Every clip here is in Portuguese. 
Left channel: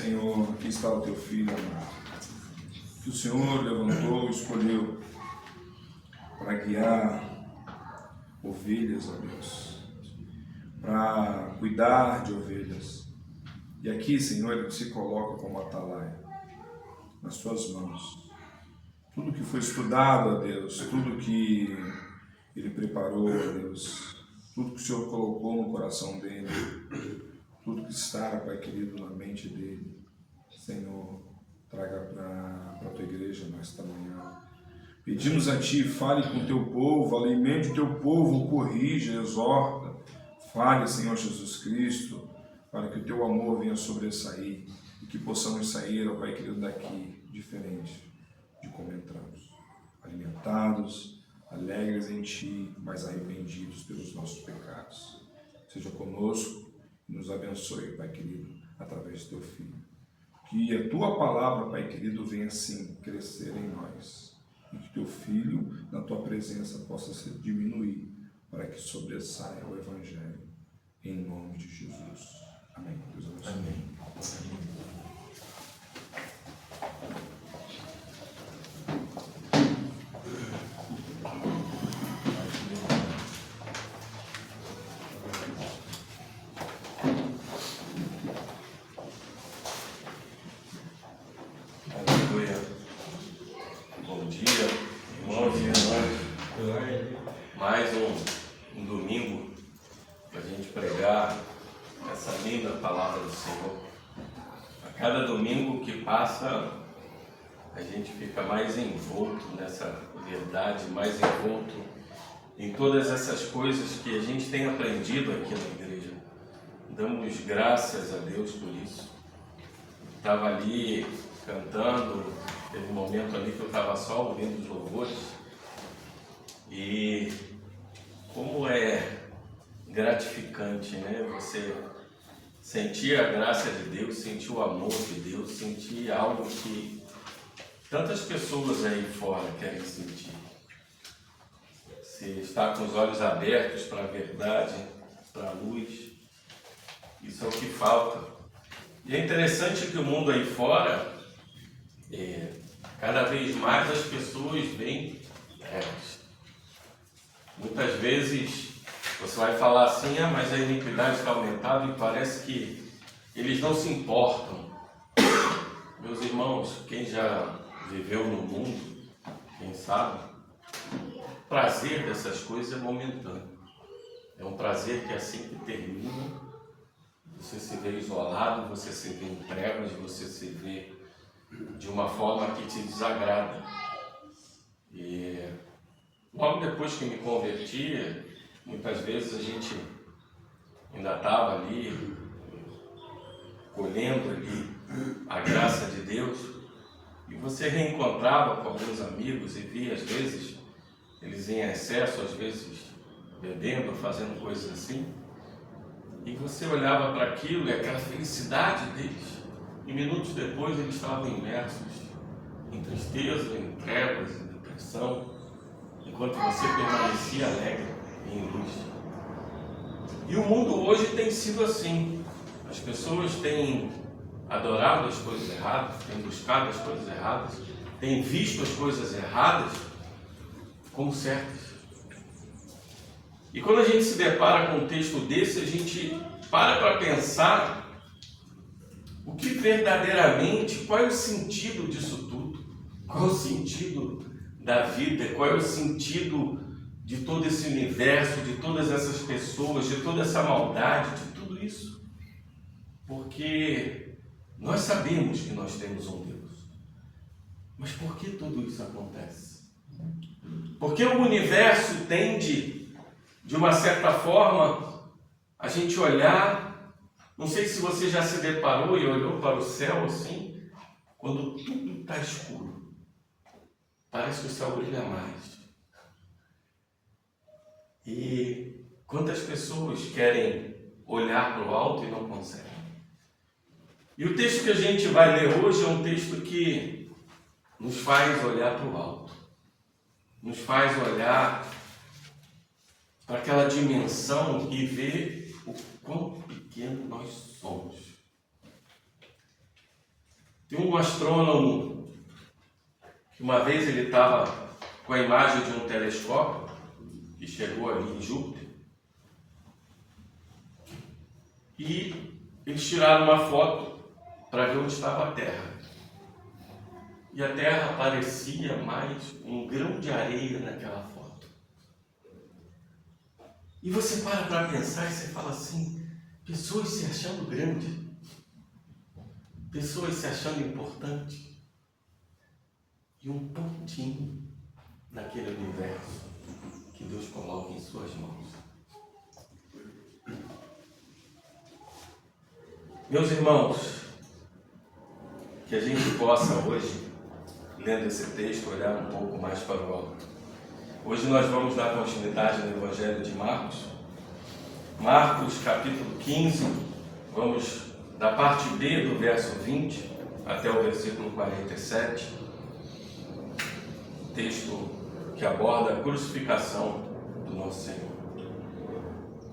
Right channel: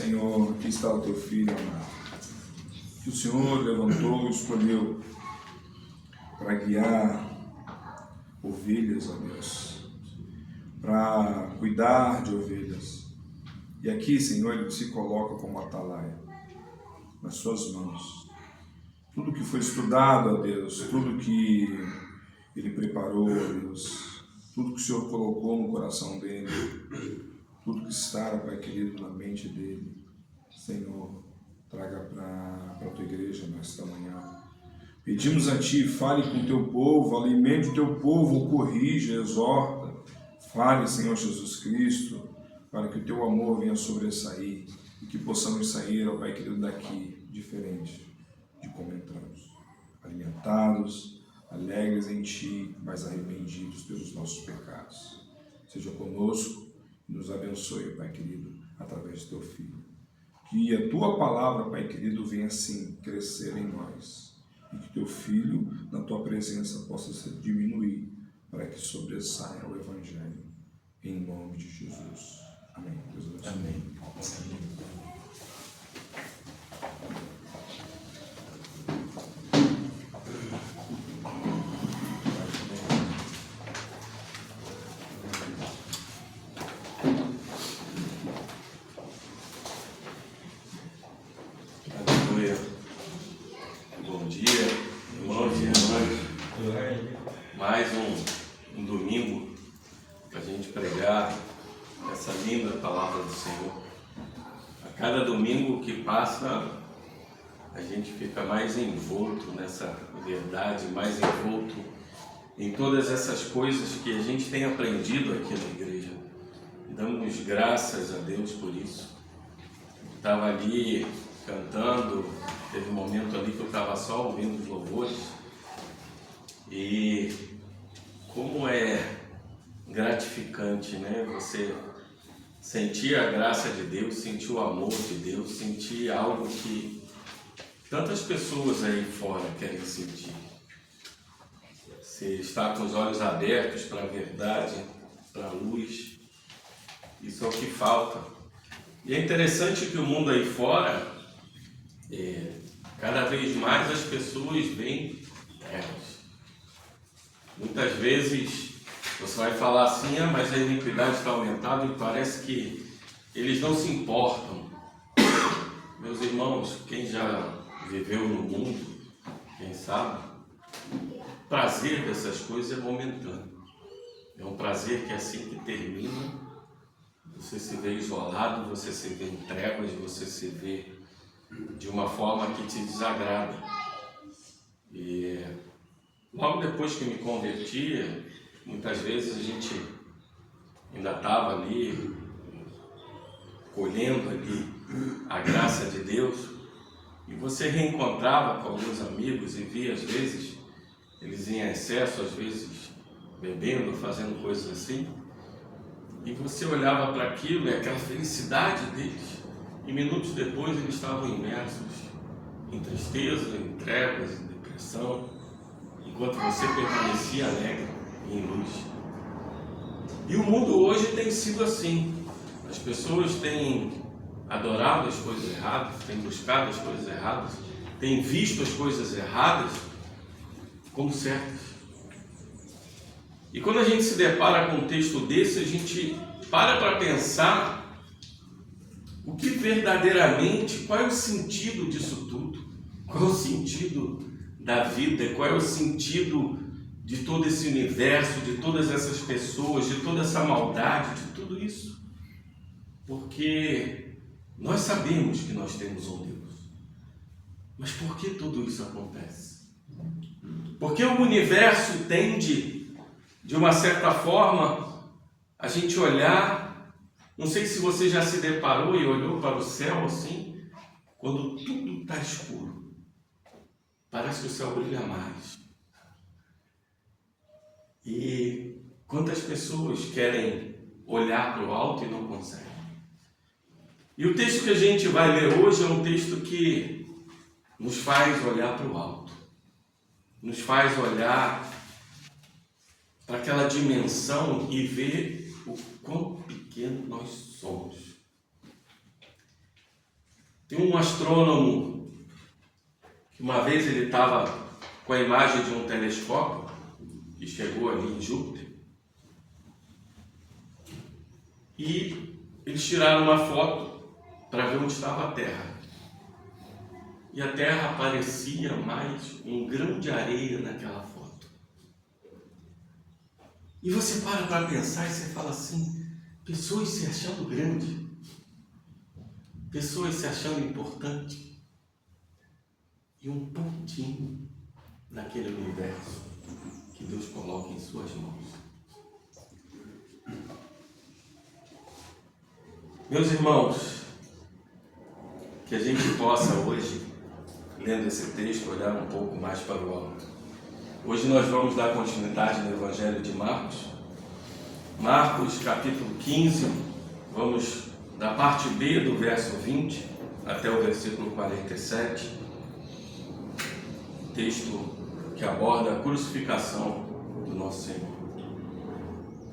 Senhor, aqui está o teu filho amado, que o Senhor levantou e escolheu para guiar ovelhas, ó Deus, para cuidar de ovelhas. E aqui, Senhor, ele se coloca como atalaia nas suas mãos. Tudo que foi estudado, ó Deus, tudo que ele preparou, ó Deus, tudo que o Senhor colocou no coração dele, tudo que está, Pai querido, na mente dele, Senhor, traga para a tua igreja nesta manhã. Pedimos a Ti, fale com o Teu povo, alimente o Teu povo, corrija, exorta. Fale, Senhor Jesus Cristo, para que o Teu amor venha sobressair e que possamos sair, ó Pai querido, daqui diferente de como entramos. Alimentados, alegres em Ti, mas arrependidos pelos nossos pecados. Seja conosco e nos abençoe, Pai querido, através do Teu Filho. Que a Tua palavra, Pai querido, venha assim crescer em nós. E que Teu Filho, na Tua presença, possa se diminuir, para que sobressaia o Evangelho. Em nome de Jesus. Amém. Deus abençoe. Amém. Aleluia. Bom dia, irmãos e irmãs. Mais um domingo para a gente pregar essa linda palavra do Senhor. A cada domingo que passa, a gente fica mais envolto nessa verdade, mais envolto em todas essas coisas que a gente tem aprendido aqui na igreja. Damos graças a Deus por isso. Estava ali cantando, teve um momento ali que eu estava só ouvindo os louvores, e como é gratificante, né? Você sentir a graça de Deus, sentir o amor de Deus, sentir algo que tantas pessoas aí fora querem sentir. Você está com os olhos abertos para a verdade, para a luz, isso é o que falta. E é interessante que o mundo aí fora, cada vez mais as pessoas veem trevas. Muitas vezes você vai falar assim, mas a iniquidade está aumentada, e parece que eles não se importam. Meus irmãos, quem já viveu no mundo, quem sabe, o prazer dessas coisas é momentâneo. É um prazer que assim que termina, você se vê isolado, você se vê em trevas, você se vê de uma forma que te desagrada. E logo depois que me converti, muitas vezes a gente ainda estava ali, colhendo ali a graça de Deus, e você reencontrava com alguns amigos e via às vezes eles em excesso, às vezes bebendo, fazendo coisas assim, e você olhava para aquilo e aquela felicidade deles, e minutos depois eles estavam imersos em tristeza, em trevas, em depressão, enquanto você permanecia alegre e em luz. E o mundo hoje tem sido assim. As pessoas têm adorado as coisas erradas, têm buscado as coisas erradas, têm visto as coisas erradas como certas. E quando a gente se depara com um texto desse, a gente para pensar o que verdadeiramente, qual é o sentido disso tudo? Qual é o sentido da vida? Qual é o sentido de todo esse universo, de todas essas pessoas, de toda essa maldade, de tudo isso? Porque nós sabemos que nós temos um Deus. Mas por que tudo isso acontece? Porque o universo tende, de uma certa forma, a gente olhar, não sei se você já se deparou e olhou para o céu assim, quando tudo está escuro, parece que o céu brilha mais. E quantas pessoas querem olhar para o alto e não conseguem? E o texto que a gente vai ler hoje é um texto que nos faz olhar para o alto, nos faz olhar para aquela dimensão e ver o quão pequeno nós somos. Tem um astrônomo que uma vez ele estava com a imagem de um telescópio que chegou ali em Júpiter e eles tiraram uma foto para ver onde estava a Terra. E a Terra parecia mais um grão de areia naquela foto. E você para pensar e você fala assim, pessoas se achando grande, pessoas se achando importante, e um pontinho naquele universo que Deus coloca em suas mãos. Meus irmãos, que a gente possa hoje, lendo esse texto, olhar um pouco mais para o alto. Hoje nós vamos dar continuidade no Evangelho de Marcos. Marcos, capítulo 15, vamos da parte B do verso 20 até o versículo 47. Texto que aborda a crucificação do nosso Senhor.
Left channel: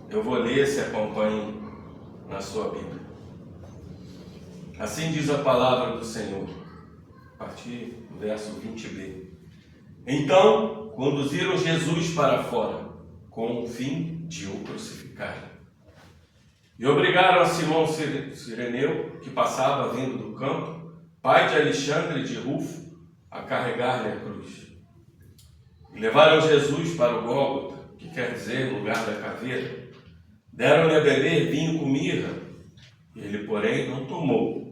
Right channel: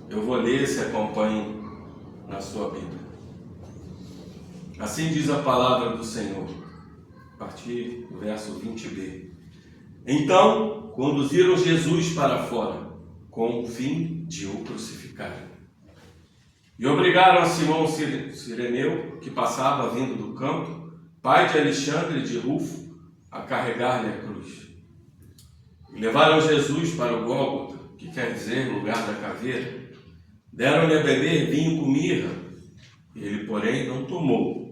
Eu vou ler, se acompanhe na sua Bíblia. Assim diz a palavra do Senhor, a partir do verso 20b. Então, conduziram Jesus para fora, com o fim de o crucificarem. E obrigaram a Simão Cireneu, que passava vindo do campo, pai de Alexandre e de Rufo, a carregar-lhe a cruz. E levaram Jesus para o Gólgota, que quer dizer lugar da caveira. Deram-lhe a beber vinho com mirra, ele, porém, não tomou.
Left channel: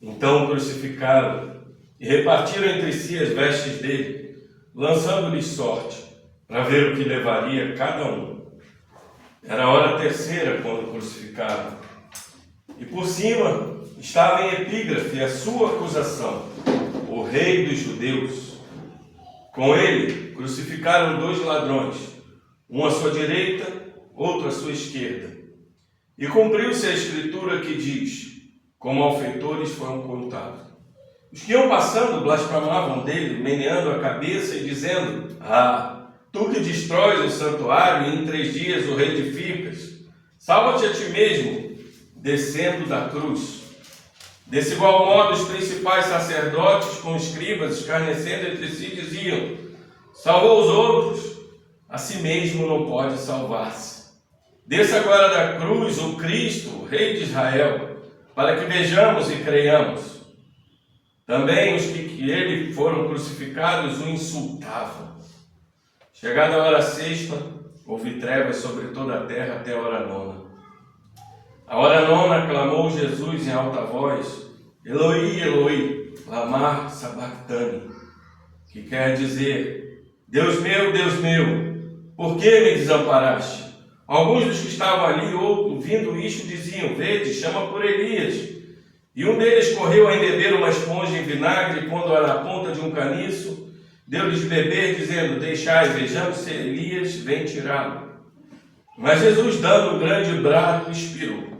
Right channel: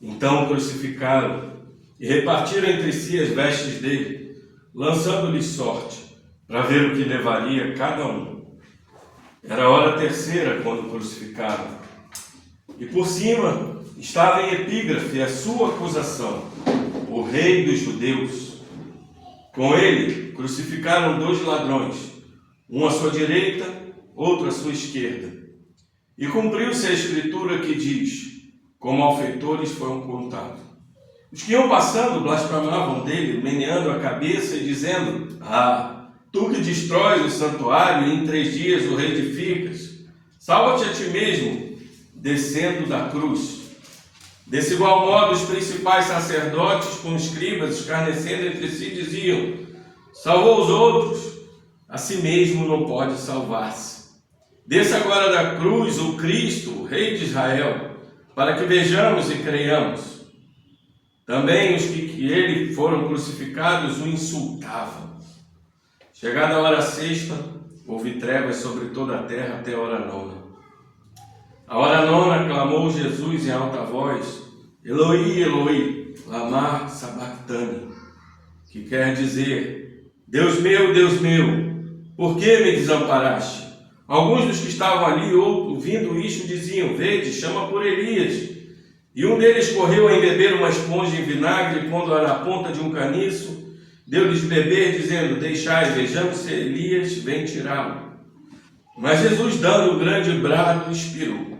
Então o crucificaram e repartiram entre si as vestes dele, lançando-lhes sorte, para ver o que levaria cada um. Era a hora terceira quando o crucificaram. E por cima estava em epígrafe a sua acusação: o Rei dos Judeus. Com ele crucificaram 2 ladrões, um à sua direita, outro à sua esquerda. E cumpriu-se a escritura que diz: como malfeitores foram contados. Os que iam passando blasfemavam dele, meneando a cabeça e dizendo: ah, tu que destróis o santuário e em 3 dias o reedificas, salva-te a ti mesmo, descendo da cruz. Desse igual modo, os principais sacerdotes com escribas, escarnecendo entre si, diziam: salvou os outros, a si mesmo não pode salvar-se. Desça agora da cruz o Cristo, o Rei de Israel, para que vejamos e creiamos. Também os que ele foram crucificados o insultavam. Chegada a hora sexta, houve trevas sobre toda a terra até a hora nona. A hora nona clamou Jesus em alta voz: Eloi, Eloi, lama sabachthani, que quer dizer: Deus meu, por que me desamparaste? Alguns dos que estavam ali, ouvindo isto, diziam: vede, chama por Elias. E um deles correu a embeber uma esponja em vinagre, e pondo-a na ponta de um caniço, deu-lhes de beber, dizendo: deixai, vejamos se Elias vem tirá-lo. Mas Jesus, dando um grande brado, expirou.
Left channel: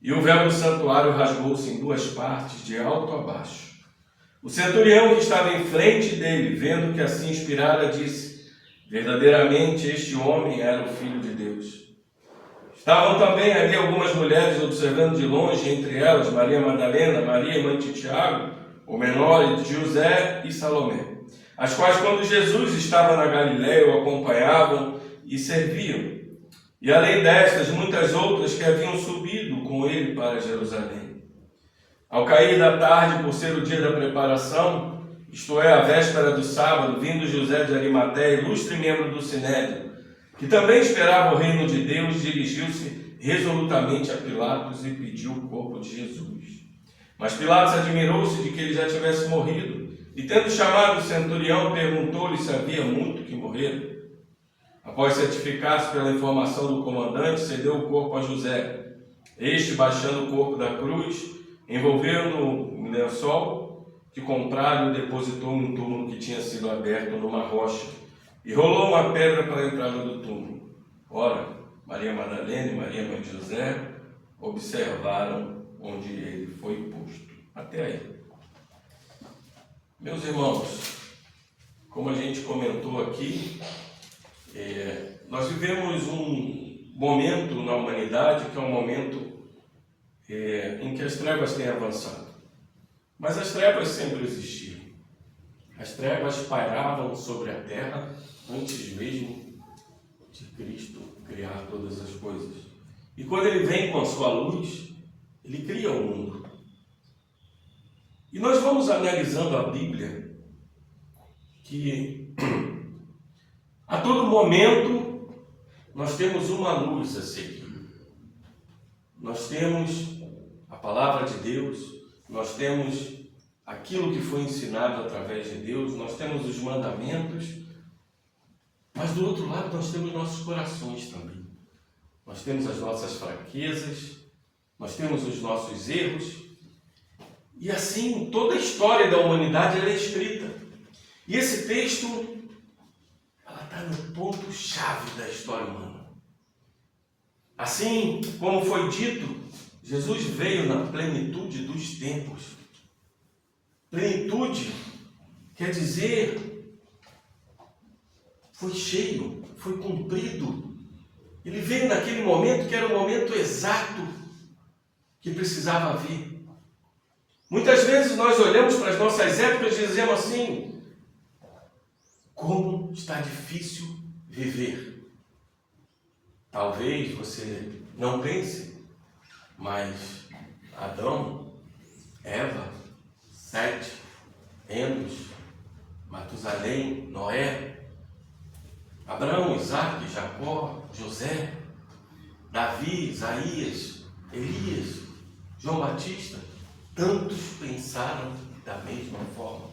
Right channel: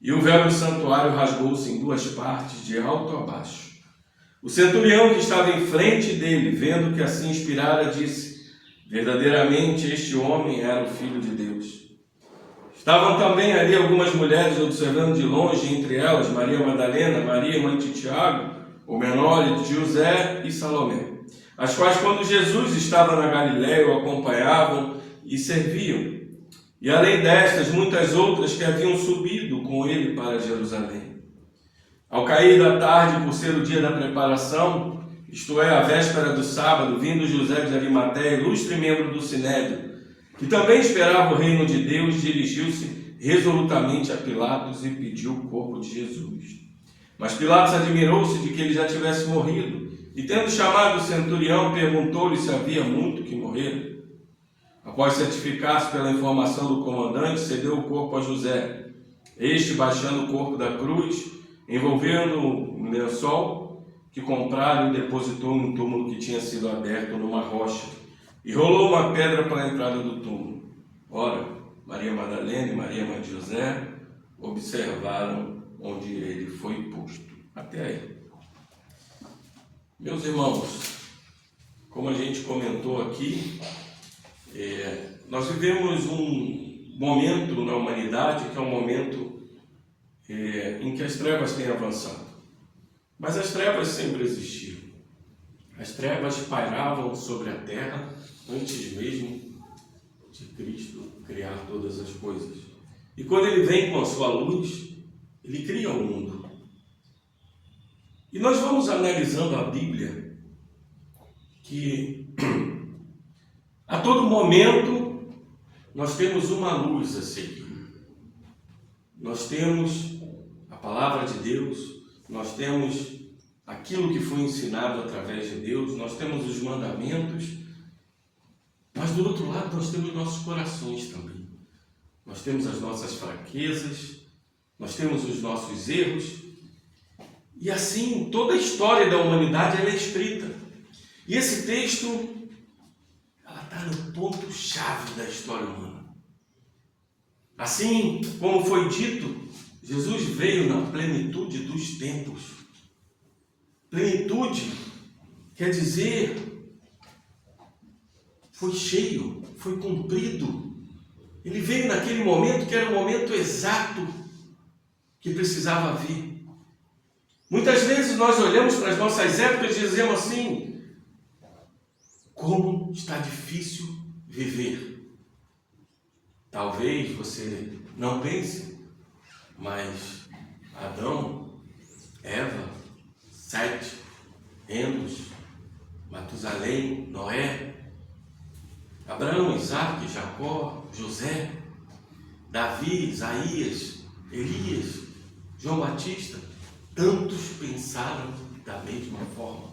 E o véu do santuário rasgou-se em 2 partes, de alto a baixo. O centurião que estava em frente dele, vendo que assim expirara, disse: verdadeiramente este homem era o Filho de Deus. Estavam também ali algumas mulheres observando de longe, entre elas Maria Madalena, Maria, mãe de Tiago, o menor, e de José e Salomé, as quais, quando Jesus estava na Galiléia, o acompanhavam e serviam. E além destas, muitas outras que haviam subido com ele para Jerusalém. Ao cair da tarde, por ser o dia da preparação, isto é, a véspera do sábado, vindo José de Arimateia, ilustre membro do Sinédrio, que também esperava o reino de Deus, dirigiu-se resolutamente a Pilatos e pediu o corpo de Jesus. Mas Pilatos admirou-se de que ele já tivesse morrido, e tendo chamado o centurião, perguntou-lhe se havia muito que morrera. Após certificar-se pela informação do comandante, cedeu o corpo a José. Este, baixando o corpo da cruz, envolveu-no em lençol que comprara e depositou num túmulo que tinha sido aberto numa rocha, e rolou uma pedra para a entrada do túmulo. Ora, Maria Madalena e Maria, mãe de José, observaram onde ele foi posto. Até aí. Meus irmãos, como a gente comentou aqui, nós vivemos um momento na humanidade que é um momento em que as trevas têm avançado. Mas as trevas sempre existiram. As trevas pairavam sobre a terra antes mesmo de Cristo criar todas as coisas. E quando ele vem com a sua luz, ele cria o mundo. E nós vamos analisando a Bíblia, que a todo momento nós temos uma luz a seguir. Nós temos a palavra de Deus, nós temos aquilo que foi ensinado através de Deus, nós temos os mandamentos, mas do outro lado nós temos nossos corações também. Nós temos as nossas fraquezas, nós temos os nossos erros, e assim toda a história da humanidade ela é escrita. E esse texto, ela está no ponto-chave da história humana. Assim como foi dito, Jesus veio na plenitude dos tempos. Plenitude quer dizer, foi cheio, foi cumprido. Ele veio naquele momento que era o momento exato que precisava vir. Muitas vezes nós olhamos para as nossas épocas e dizemos assim: como está difícil viver. Talvez você não pense, mas Adão, Eva, Sete, Enos, Matusalém, Noé, Abraão, Isaac, Jacó, José, Davi, Isaías, Elias, João Batista, tantos pensaram da mesma forma.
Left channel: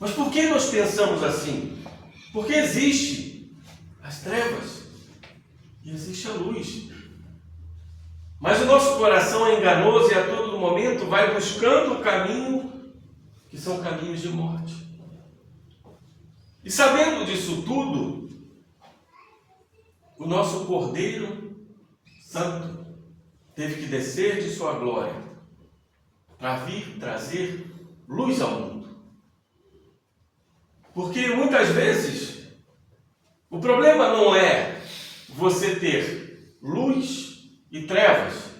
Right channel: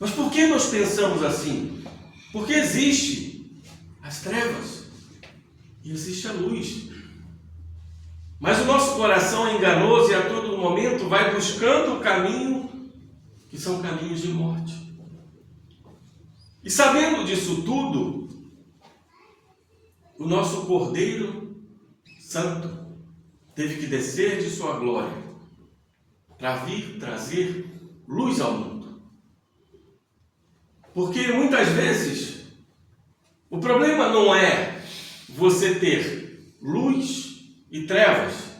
Mas por que nós pensamos assim? Porque existe as trevas e existe a luz. Mas o nosso coração é enganoso e a todo momento vai buscando o caminho que são caminhos de morte. E sabendo disso tudo, o nosso Cordeiro Santo teve que descer de sua glória para vir trazer luz ao mundo. Porque muitas vezes o problema não é você ter luz e trevas,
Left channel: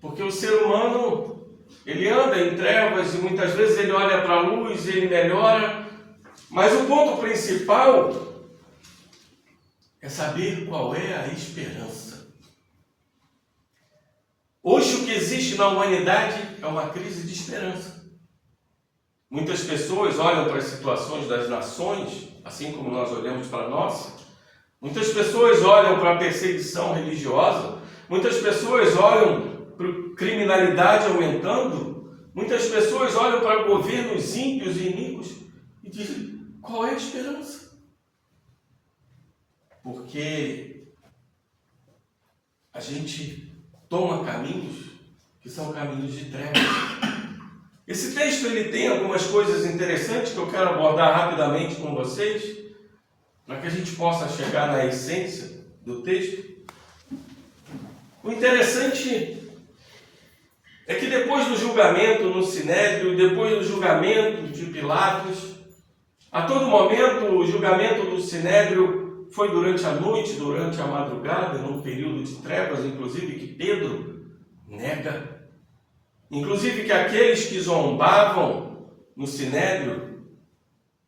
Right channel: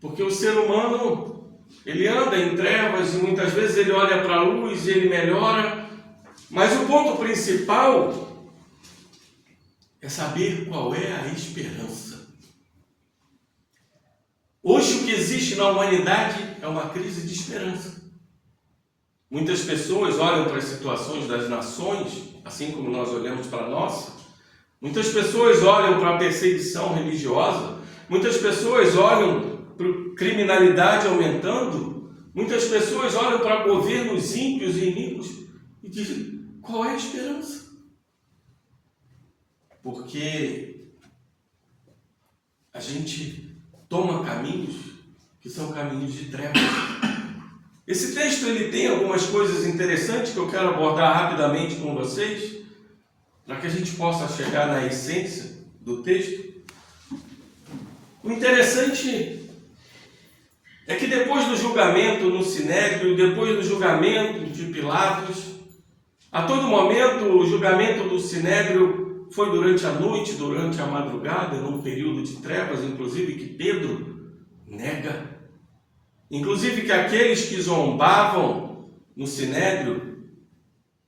porque o ser humano ele anda em trevas e muitas vezes ele olha para a luz e ele melhora, mas o ponto principal é saber qual é a esperança. Hoje o que existe na humanidade é uma crise de esperança. Muitas pessoas olham para as situações das nações, assim como nós olhamos para a nossa. Muitas pessoas olham para a perseguição religiosa. Muitas pessoas olham para a criminalidade aumentando. Muitas pessoas olham para governos ímpios e iníquos e dizem: qual é a esperança? Porque a gente toma caminhos que são caminhos de trevas. Esse texto ele tem algumas coisas interessantes que eu quero abordar rapidamente com vocês, para que a gente possa chegar na essência do texto. O interessante é que depois do julgamento no Sinédrio, depois do julgamento de Pilatos, a todo momento o julgamento do Sinédrio foi durante a noite, durante a madrugada, num período de trevas, inclusive que Pedro nega. Inclusive que aqueles que zombavam no Sinédrio,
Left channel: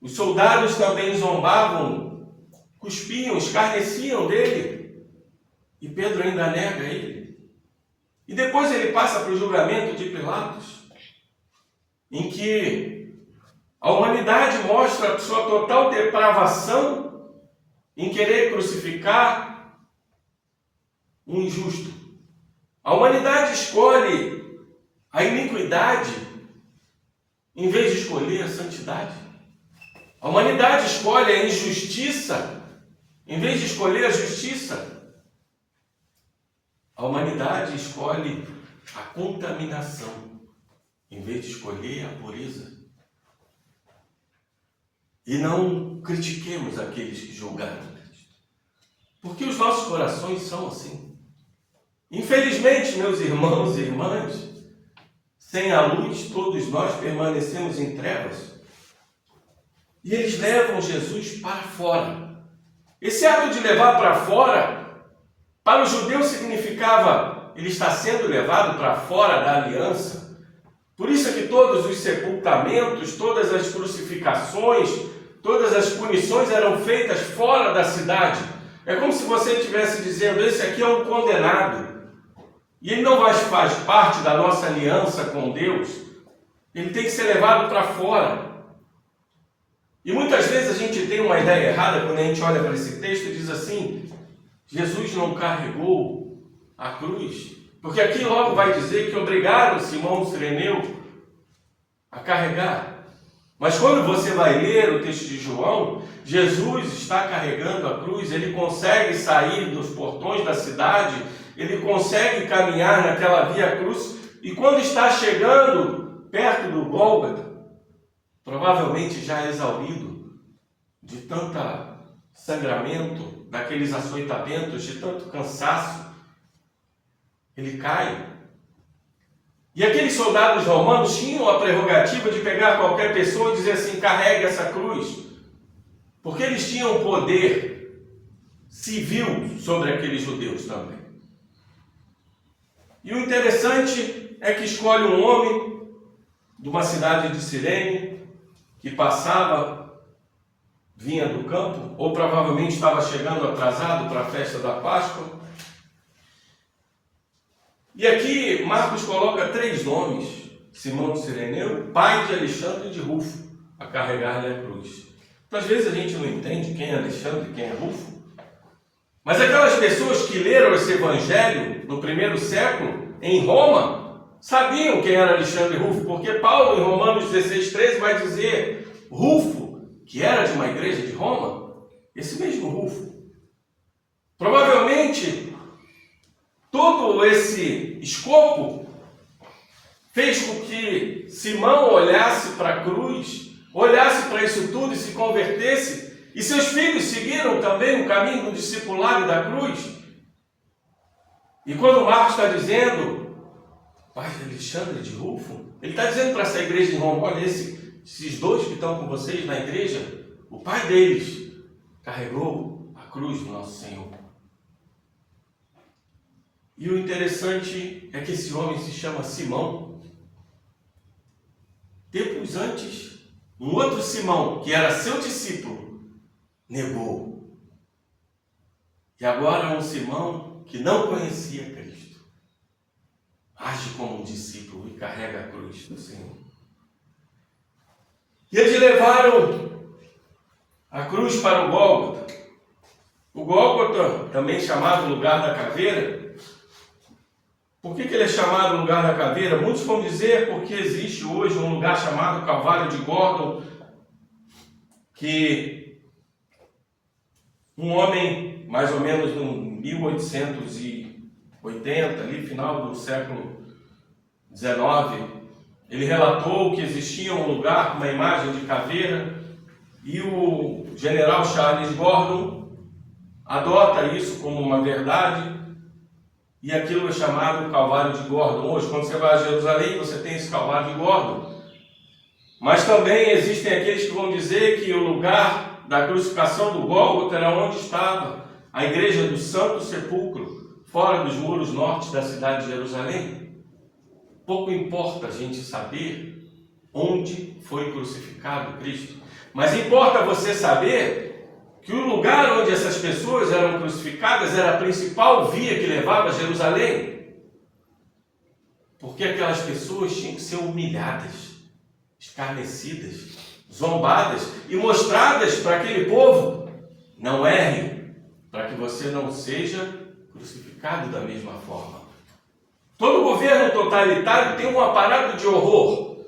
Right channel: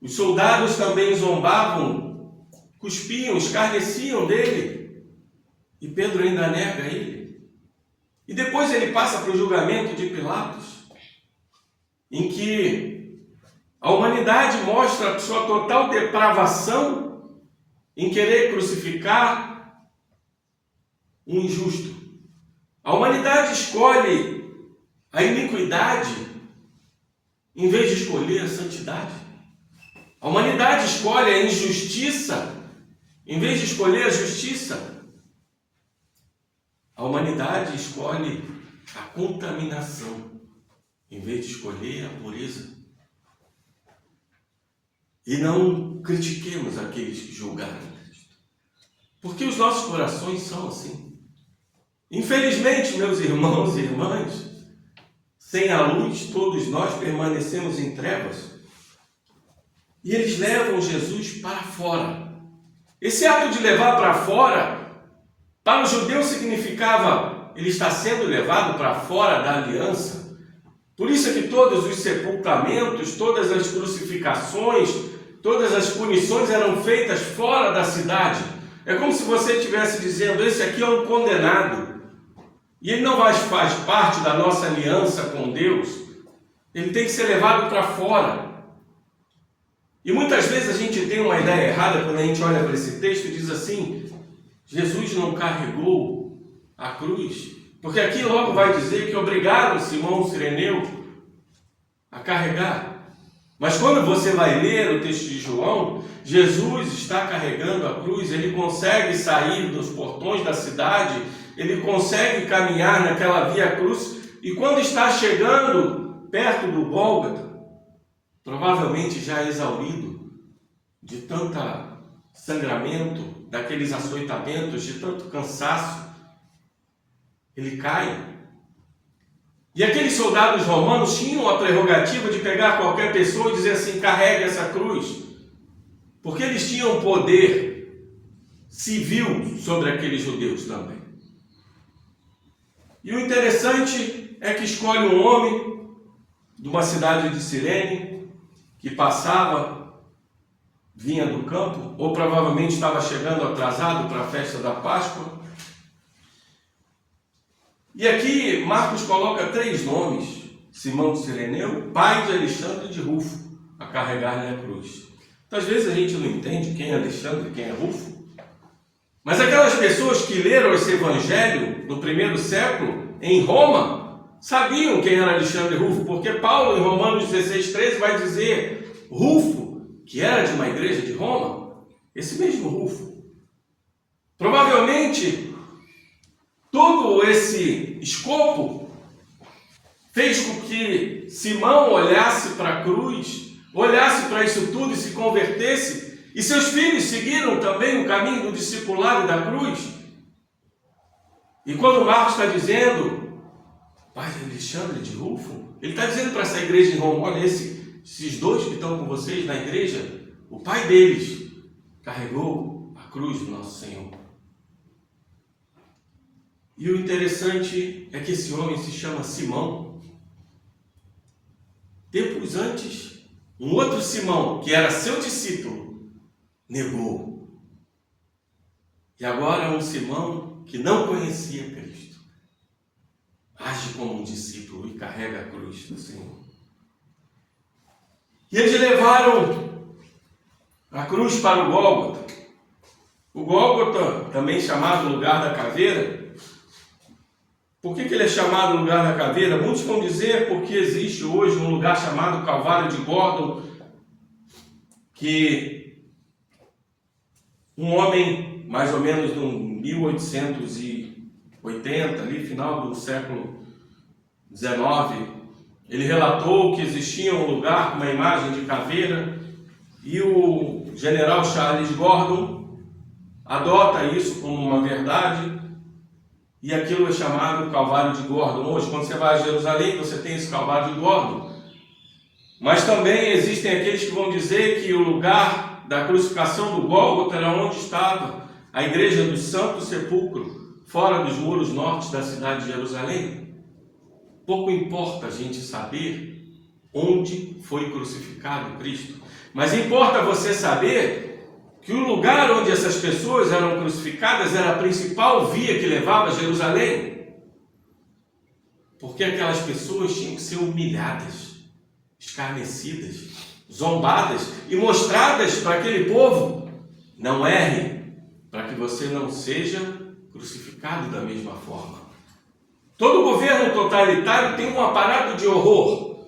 os soldados também zombavam, cuspiam, escarneciam dele, e Pedro ainda nega ele. E depois ele passa para o julgamento de Pilatos, em que a humanidade mostra a sua total depravação em querer crucificar um injusto. A humanidade escolhe a iniquidade em vez de escolher a santidade. A humanidade escolhe a injustiça em vez de escolher a justiça. A humanidade escolhe a contaminação em vez de escolher a pureza. E não critiquemos aqueles que julgaram Cristo, porque os nossos corações são assim. Infelizmente, meus irmãos e irmãs, sem a luz, todos nós permanecemos em trevas. E eles levam Jesus para fora. Esse ato de levar para fora, para o judeu significava, ele está sendo levado para fora da aliança. Por isso é que que todos os sepultamentos, todas as crucificações, todas as punições eram feitas fora da cidade. É como se você estivesse dizendo: esse aqui é um condenado, e ele não faz parte da nossa aliança com Deus, ele tem que ser levado para fora. E muitas vezes a gente tem uma ideia errada quando a gente olha para esse texto e diz assim: Jesus não carregou a cruz, porque aqui logo vai dizer que obrigaram Simão Cireneu a carregar. Mas quando você vai ler o texto de João, Jesus está carregando a cruz, ele consegue sair dos portões da cidade, ele consegue caminhar naquela via cruz, e quando está chegando perto do Gólgota, provavelmente já exaurido de tanto sangramento, daqueles açoitamentos, de tanto cansaço, ele cai. E aqueles soldados romanos tinham a prerrogativa de pegar qualquer pessoa e dizer assim: carregue essa cruz, porque eles tinham poder civil sobre aqueles judeus também. E o interessante é que escolhe um homem de uma cidade de Cirene, que vinha do campo, ou provavelmente estava chegando atrasado para a festa da Páscoa. E aqui Marcos coloca 3 nomes: Simão de Cireneu, pai de Alexandre de Rufo, a carregar-lhe a cruz. Então, às vezes a gente não entende quem é Alexandre e quem é Rufo, mas aquelas pessoas que leram esse evangelho no primeiro século, em Roma, sabiam quem era Alexandre e Rufo, porque Paulo, em Romanos 16:13, vai dizer: Rufo, que era de uma igreja de Roma, esse mesmo Rufo. Provavelmente, todo esse escopo fez com que Simão olhasse para a cruz, olhasse para isso tudo e se convertesse, e seus filhos seguiram também o caminho do discipulado da cruz. E quando Marcos está dizendo pai de Alexandre de Rufo, ele está dizendo para essa igreja de Roma: olha, esses 2 que estão com vocês na igreja, o pai deles carregou a cruz do nosso Senhor. E o interessante é que esse homem se chama Simão. Tempos antes, um outro Simão, que era seu discípulo, negou. E agora é um Simão que não conhecia Cristo, age como um discípulo e carrega a cruz do Senhor. E eles levaram a cruz para o Gólgota. O Gólgota, também chamado lugar da caveira. Por que ele é chamado lugar da caveira? Muitos vão dizer porque existe hoje um lugar chamado Calvário de Gordon, que um homem, mais ou menos no 1880, ali, final do século XIX, ele relatou que existia um lugar com uma imagem de caveira, e o general Charles Gordon adota isso como uma verdade, e aquilo é chamado Calvário de Gordon. Hoje, quando você vai a Jerusalém, você tem esse Calvário de Gordon. Mas também existem aqueles que vão dizer que o lugar da crucificação do Gólgota era onde estava a igreja do Santo Sepulcro, fora dos muros norte da cidade de Jerusalém. Pouco importa a gente saber onde foi crucificado Cristo, mas importa você saber que o lugar onde essas pessoas eram crucificadas era a principal via que levava a Jerusalém, porque aquelas pessoas tinham que ser humilhadas, escarnecidas, zombadas e mostradas para aquele povo: não erre, para que você não seja crucificado da mesma forma. Todo governo totalitário tem um aparato de horror,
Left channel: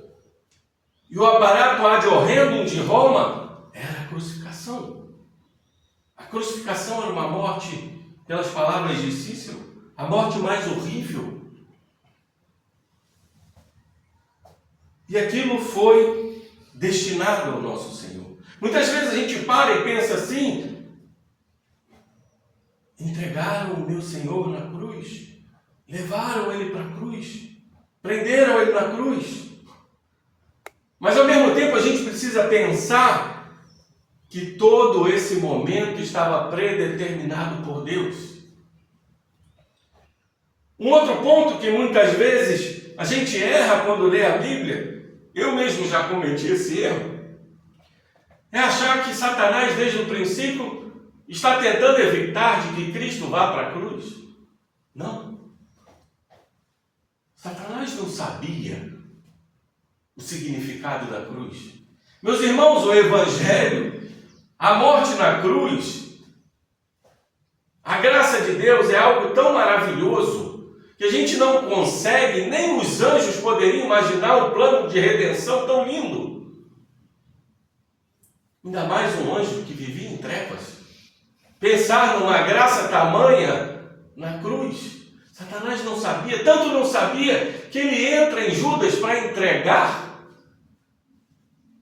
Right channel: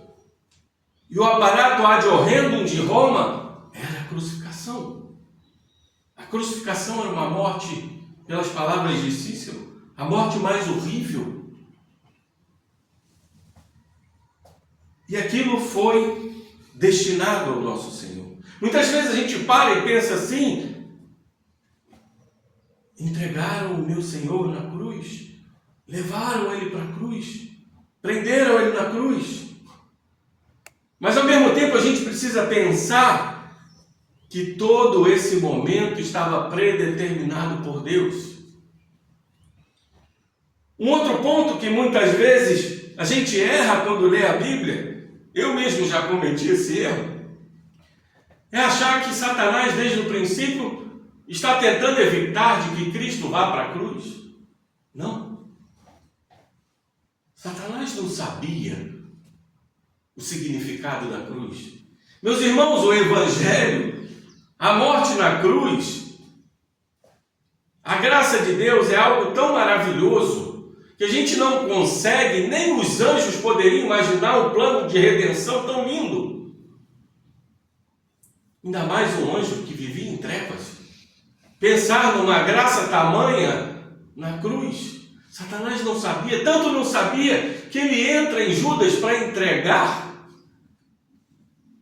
e o aparato ad horrendum de Roma era a crucificação. A crucificação era uma morte, pelas palavras de Cícero, a morte mais horrível. E aquilo foi destinado ao nosso Senhor. Muitas vezes a gente para e pensa assim: entregaram o meu Senhor na cruz, levaram ele para a cruz, prenderam ele na cruz. Mas ao mesmo tempo a gente precisa pensar que todo esse momento estava predeterminado por Deus. Um outro ponto que muitas vezes a gente erra quando lê a Bíblia eu mesmo já cometi esse erro, é achar que Satanás, desde o princípio, está tentando evitar de que Cristo vá para a cruz. Não. Satanás não sabia o significado da cruz. Meus irmãos, o Evangelho, a morte na cruz, a graça de Deus é algo tão maravilhoso que a gente não consegue, nem os anjos poderiam imaginar um plano de redenção tão lindo. Ainda mais um anjo que vivia em trevas. Pensar numa graça tamanha na cruz. Satanás não sabia, tanto não sabia, que ele entra em Judas para entregar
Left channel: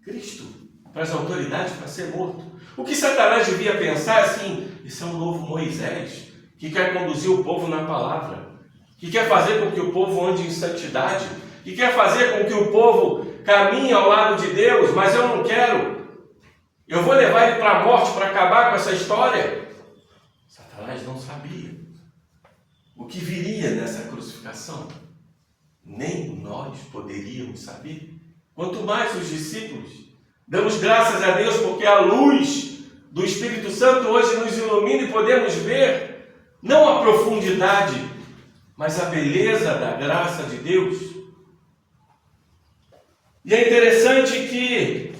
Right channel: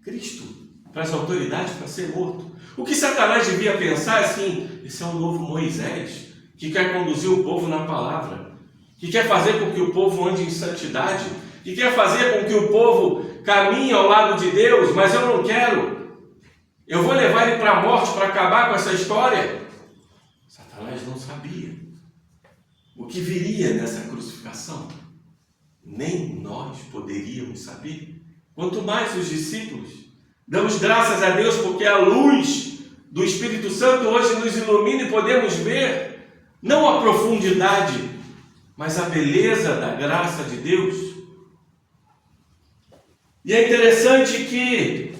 Cristo para as autoridades para ser morto. O que Satanás devia pensar assim: esse é um novo Moisés, que quer conduzir o povo na palavra, que quer fazer com que o povo ande em santidade, que quer fazer com que o povo caminhe ao lado de Deus, mas eu não quero. Eu vou levar ele para a morte para acabar com essa história. Satanás não sabia o que viria nessa crucificação. Nem nós poderíamos saber. Quanto mais os discípulos. Damos graças a Deus porque a luz do Espírito Santo hoje nos ilumina e podemos ver não a profundidade, mas a beleza da graça de Deus. E é interessante que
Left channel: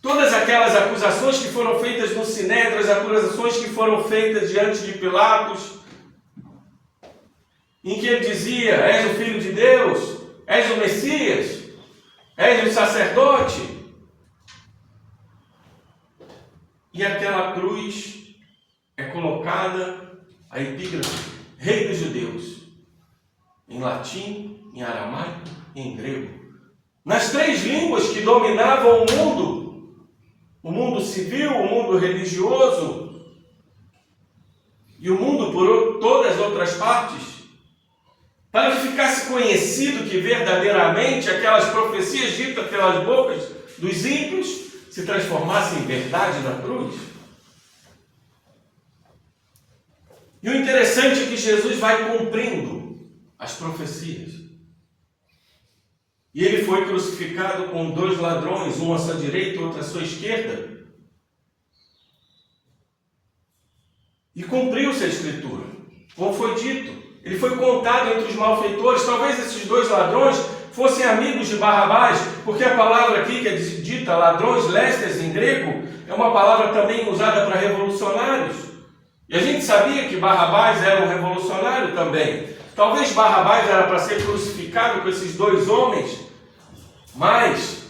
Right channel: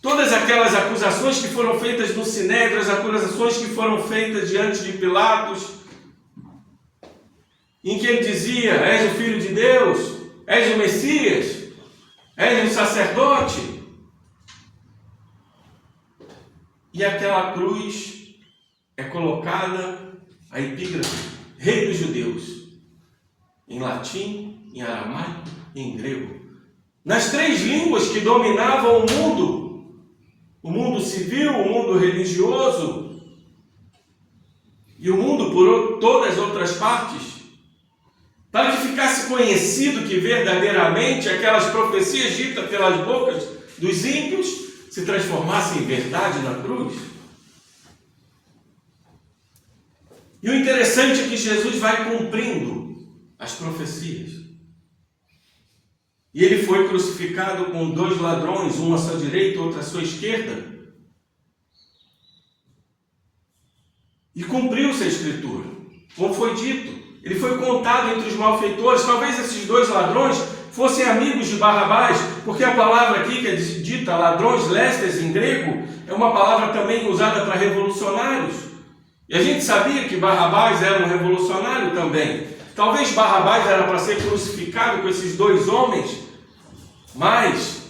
todas aquelas acusações que foram feitas no Sinédrio, as acusações que foram feitas diante de Pilatos, em que ele dizia: és o Filho de Deus, és o Messias, és o sacerdote. E aquela cruz é colocada a epígrafe: Rei dos Judeus, em latim, em aramaico e em grego. Nas três línguas que dominavam o mundo civil, o mundo religioso e o mundo por todas as outras partes, para que ficasse conhecido que verdadeiramente aquelas profecias ditas pelas bocas dos ímpios se transformassem em verdade na cruz. E o interessante é que Jesus vai cumprindo as profecias. E ele foi crucificado com dois ladrões, um à sua direita e outro à sua esquerda. E cumpriu-se a Escritura, como foi dito. Ele foi contado entre os malfeitores. Talvez esses dois ladrões fossem amigos de Barrabás, porque a palavra aqui que é dita, ladrões, lestes em grego, é uma palavra também usada para revolucionários. E a gente sabia que Barrabás era um revolucionário também. Talvez Barrabás era para ser crucificado com esses dois homens, mas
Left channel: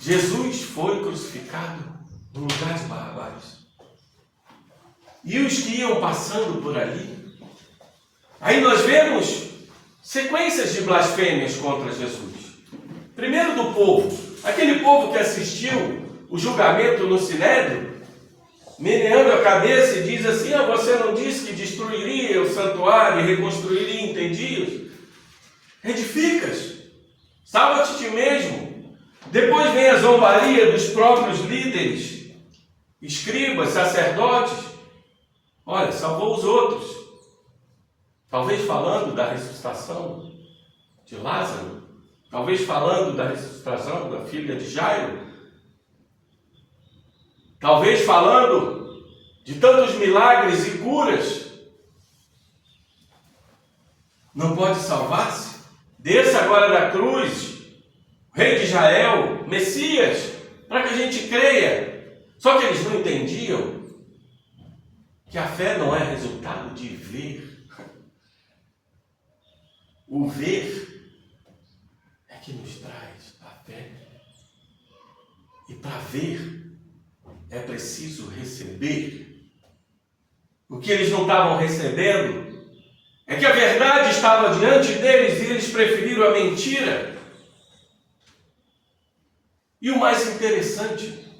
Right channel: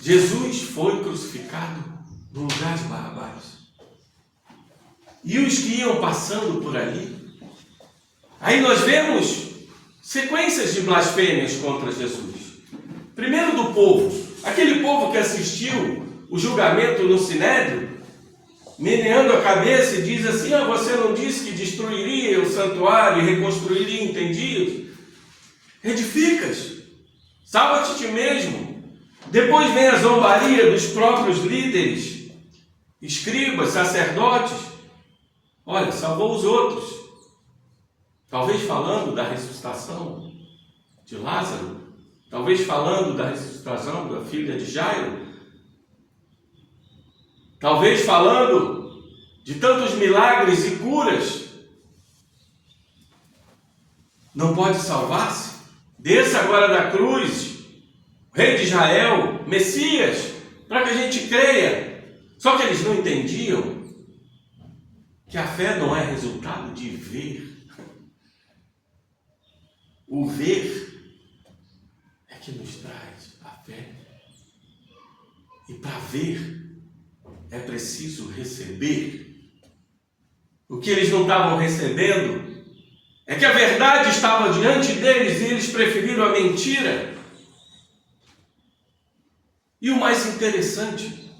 Jesus foi crucificado no lugar de Barrabás. E os que iam passando por ali, aí nós vemos sequências de blasfêmias contra Jesus. Primeiro do povo, aquele povo que assistiu o julgamento no Sinédrio, meneando a cabeça e diz assim: você não disse que destruiria o santuário e reconstruiria em 3 dias? Edificas, salva-te a ti mesmo. Depois vem a zombaria dos próprios líderes, escribas, sacerdotes. Olha, salvou os outros. Talvez falando da ressuscitação de Lázaro, talvez falando da ressuscitação da filha de Jairo, talvez falando de tantos milagres e curas. Não pode salvar-se? Desça agora da cruz, Rei de Israel, Messias, para que a gente creia. Só que eles não entendiam que a fé não é resultado de ver. O ver é que nos traz a fé. E para ver é preciso receber. O que eles não estavam recebendo é que a verdade estava diante deles e eles preferiram a mentira. E o mais interessante,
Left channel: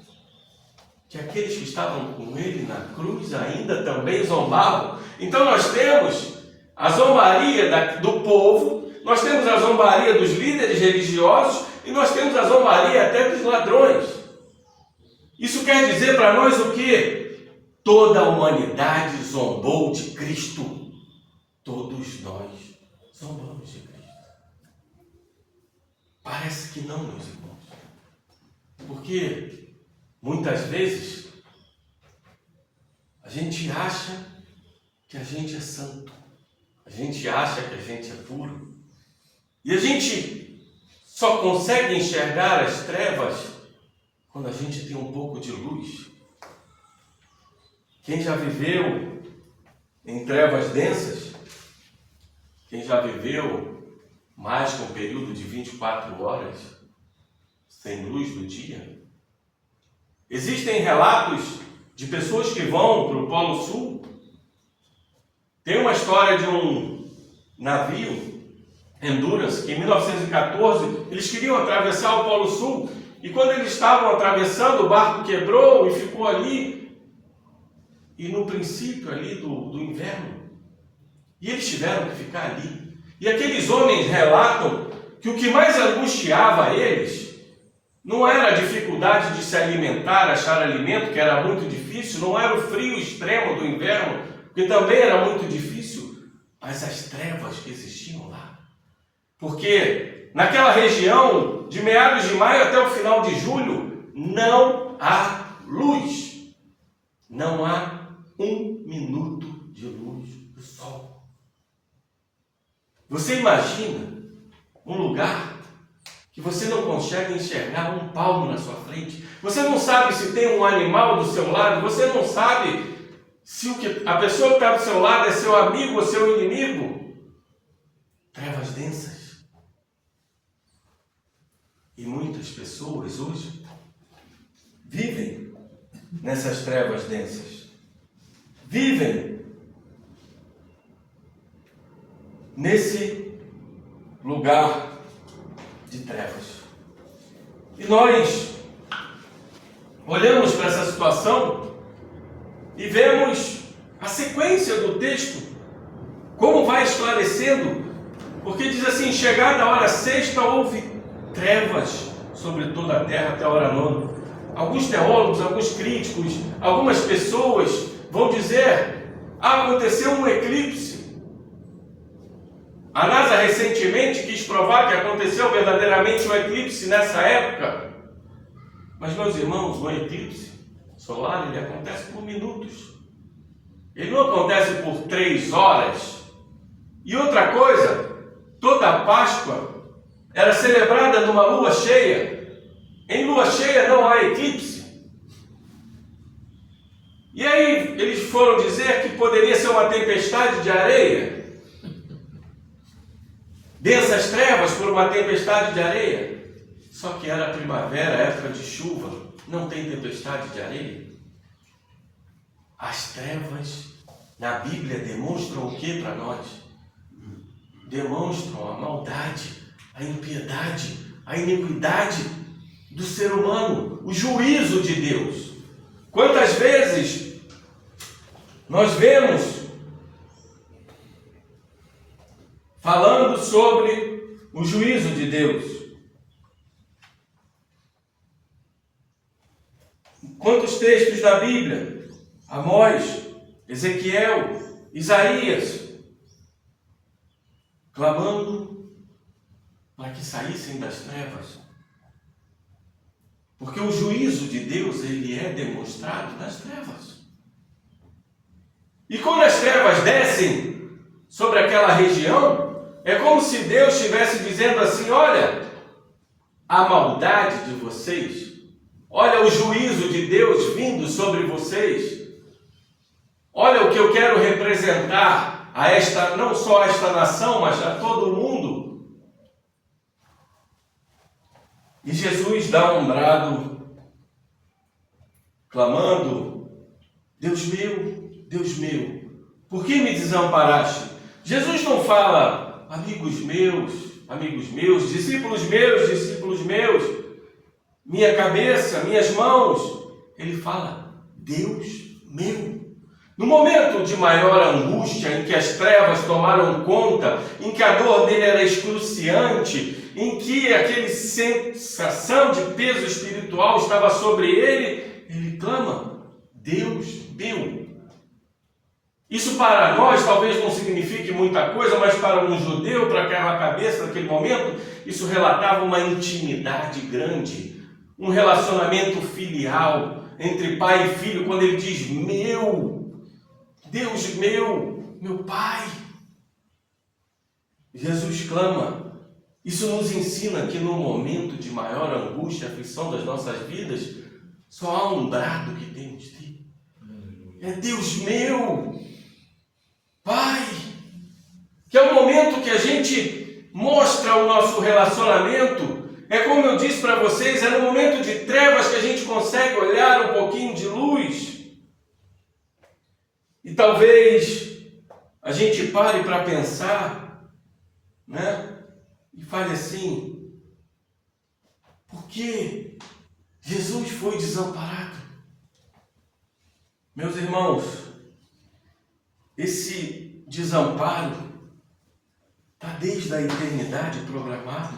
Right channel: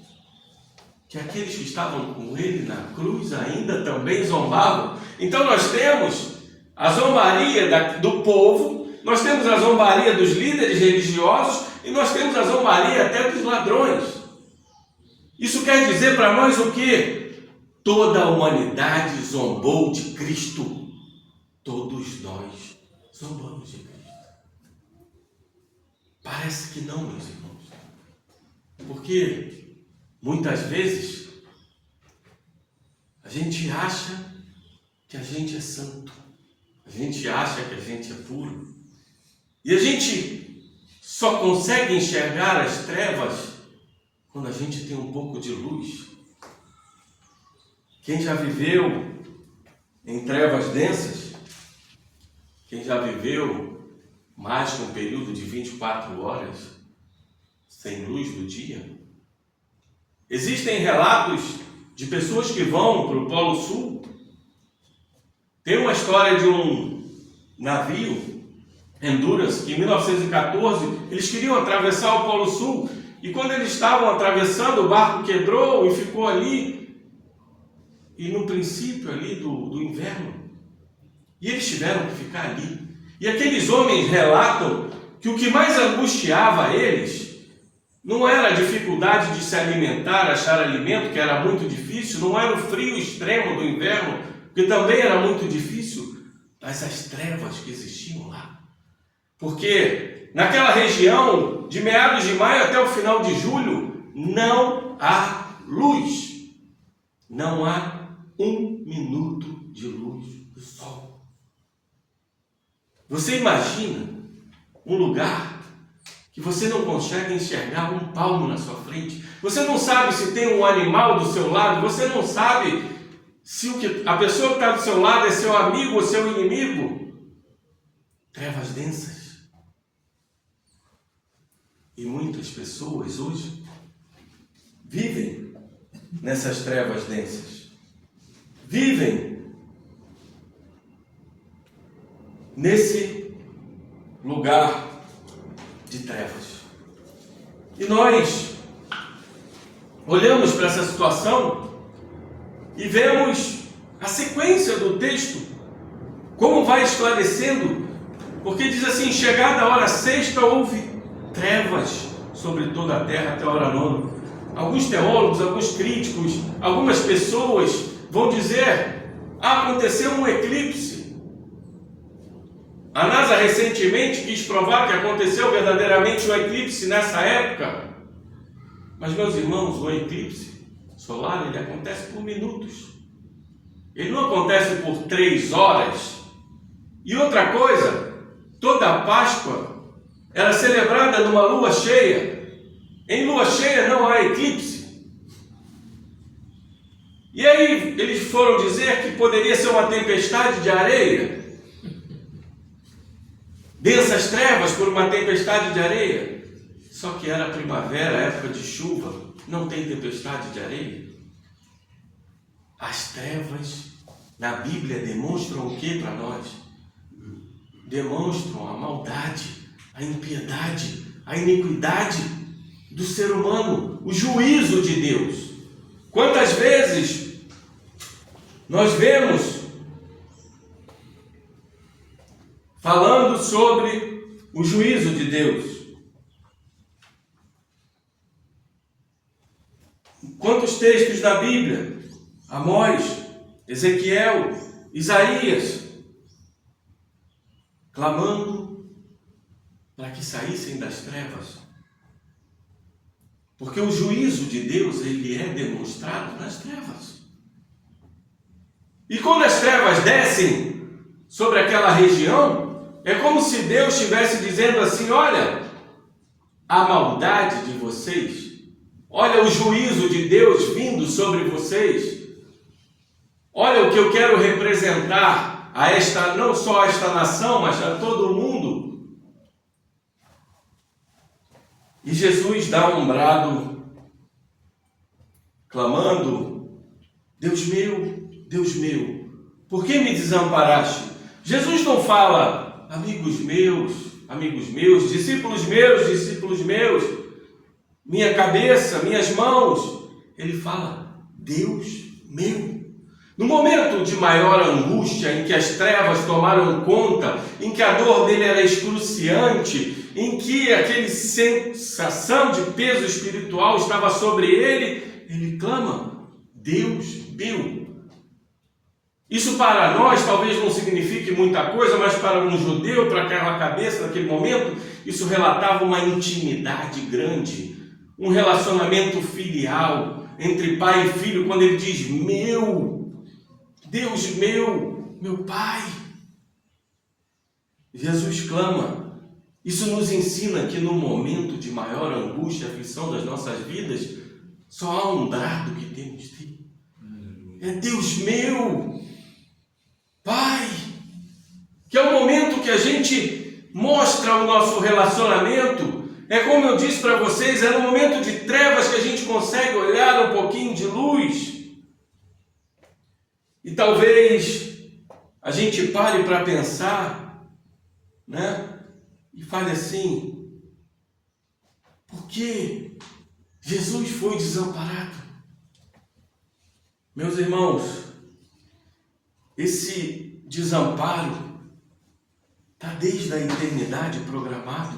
que aqueles que estavam com ele na cruz ainda também zombavam. Então nós temos a zombaria do povo, nós temos a zombaria dos líderes religiosos e nós temos a zombaria até dos ladrões. Isso quer dizer para nós o quê? Toda a humanidade zombou de Cristo. Todos nós zombamos de Cristo. Parece que não, meus irmãos. Porque muitas vezes a gente acha que a gente é santo. A gente acha que a gente é puro. E a gente só consegue enxergar as trevas quando a gente tem um pouco de luz. Quem já viveu em trevas densas, quem já viveu mais que um período de 24 horas sem luz do dia, existem relatos de pessoas que vão para o Polo Sul. Tem uma história de um navio, Endurance, que em 1914 eles queriam atravessar o Polo Sul, e quando eles estavam atravessando, o barco quebrou e ficou ali, e no princípio ali do inverno, e eles tiveram que ficar ali. E aqueles homens relatam que o que mais angustiava eles não era a dificuldade de se alimentar, achar alimento, que era muito difícil, não era o frio extremo do inverno, que também era muito difícil, mas as trevas que existiam lá. Porque naquela região, de meados de maio até o final de julho, não há luz. Não há 1 minuto de luz do sol. Você imagina um lugar que você não consegue enxergar um palmo na sua frente. Você não sabe se tem um animal do seu lado, você não sabe se a pessoa que está do seu lado é seu amigo ou seu inimigo. Trevas densas. E muitas pessoas hoje vivem nessas trevas densas. Vivem nesse lugar de trevas. E nós olhamos para essa situação e vemos a sequência do texto, como vai esclarecendo, porque diz assim: chegada a hora sexta, houve trevas sobre toda a terra até a hora nona. Alguns teólogos, alguns críticos, algumas pessoas vão dizer: aconteceu um eclipse. A NASA recentemente quis provar que aconteceu verdadeiramente um eclipse nessa época. Mas, meus irmãos, o eclipse solar, ele acontece por minutos. Ele não acontece por 3 horas. E outra coisa, toda a Páscoa era celebrada numa lua cheia. Em lua cheia não há eclipse. E aí eles foram dizer que poderia ser uma tempestade de areia. Densas trevas por uma tempestade de areia. Só que era primavera, época de chuva, não tem tempestade de areia. As trevas na Bíblia demonstram o que para nós? Demonstram a maldade, a impiedade, a iniquidade do ser humano, o juízo de Deus. Quantas vezes nós vemos falando sobre o juízo de Deus? Quantos textos da Bíblia? Amós, Ezequiel, Isaías, clamando para que saíssem das trevas. Porque o juízo de Deus, ele é demonstrado nas trevas. E quando as trevas descem sobre aquela região, é como se Deus estivesse dizendo assim: olha, a maldade de vocês, olha o juízo de Deus vindo sobre vocês, olha o que eu quero representar a esta, não só a esta nação, mas a todo mundo. E Jesus dá um brado, clamando: Deus meu, por que me desamparaste? Jesus não fala: amigos meus, discípulos meus, minha cabeça, minhas mãos. Ele fala: Deus meu. No momento de maior angústia, em que as trevas tomaram conta, em que a dor dele era excruciante, em que aquela sensação de peso espiritual estava sobre ele, ele clama: Deus meu. Isso para nós talvez não signifique muita coisa, mas para um judeu, para aquela cabeça naquele momento, isso relatava uma intimidade grande, um relacionamento filial entre pai e filho, quando ele diz meu, Deus meu Pai. Jesus clama. Isso nos ensina que no momento de maior angústia, aflição das nossas vidas, só há um brado que temos de ter. É Deus meu, Pai. Que é o momento que a gente mostra o nosso relacionamento. É como eu disse para vocês, é no momento de trevas que a gente consegue olhar um pouquinho de luz. E talvez a gente pare para pensar, né? E fale assim: por que Jesus foi desamparado? Meus irmãos, esse desamparo está desde a eternidade programado.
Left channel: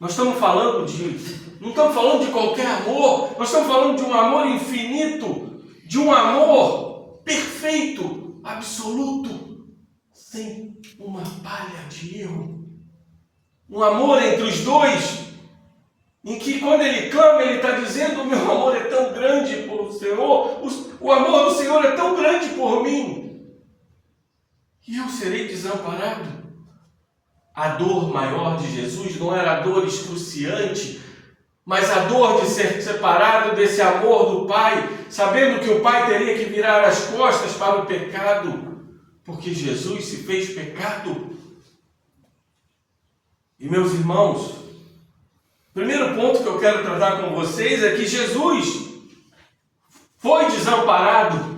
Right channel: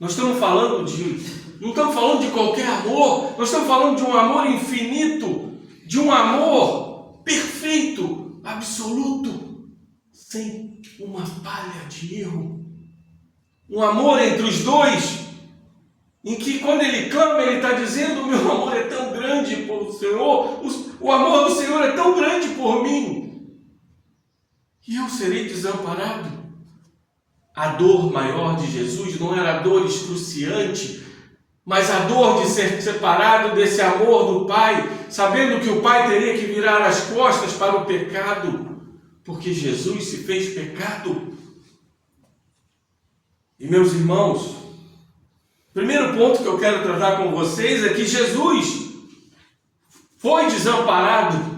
Nós estamos falando não estamos falando de qualquer amor, nós estamos falando de um amor infinito, de um amor perfeito, absoluto, sem uma palha de erro. Um amor entre os dois, em que quando ele clama, ele está dizendo: o meu amor é tão grande por o Senhor, o amor do Senhor é tão grande por mim, e eu serei desamparado. A dor maior de Jesus não era a dor excruciante, mas a dor de ser separado desse amor do Pai, sabendo que o Pai teria que virar as costas para o pecado, porque Jesus se fez pecado. E meus irmãos, o primeiro ponto que eu quero tratar com vocês é que Jesus foi desamparado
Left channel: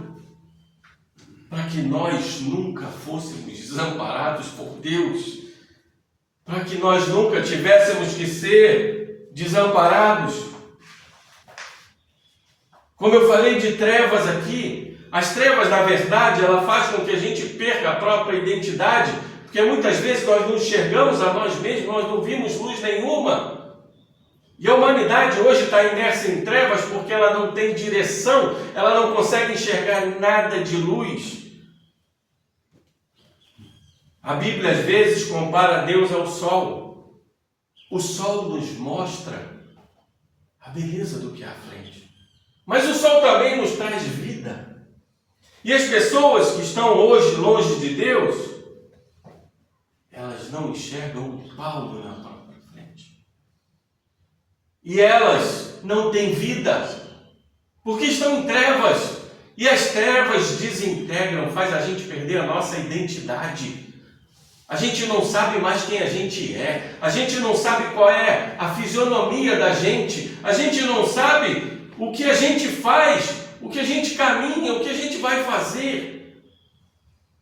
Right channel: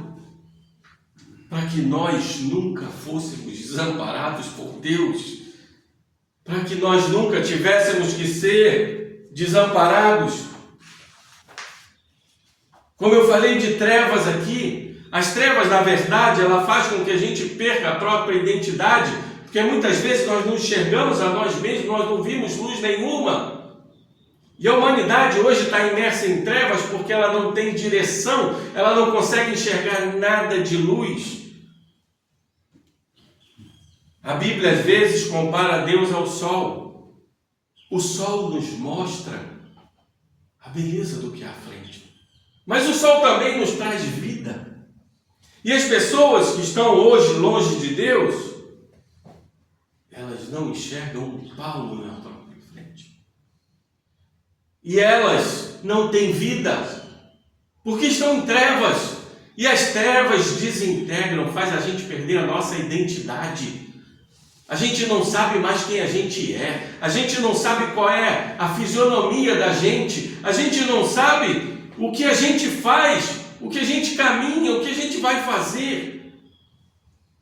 para que nós nunca fôssemos desamparados por Deus, para que nós nunca tivéssemos que ser desamparados. Como eu falei de trevas aqui, as trevas, na verdade, ela faz com que a gente perca a própria identidade, porque muitas vezes nós não enxergamos a nós mesmos, nós não vimos luz nenhuma. E a humanidade hoje está imersa em trevas porque ela não tem direção, ela não consegue enxergar nada de luz. A Bíblia às vezes compara Deus ao sol. O sol nos mostra a beleza do que há à frente. Mas o sol também nos traz vida. E as pessoas que estão hoje longe de Deus, elas não enxergam um palmo na própria frente. E elas não têm vida, porque estão em trevas. E as trevas desintegram, faz a gente perder a nossa identidade. A gente não sabe mais quem a gente é. A gente não sabe qual é a fisionomia da gente. A gente não sabe o que a gente faz, o que a gente caminha, o que a gente vai fazer.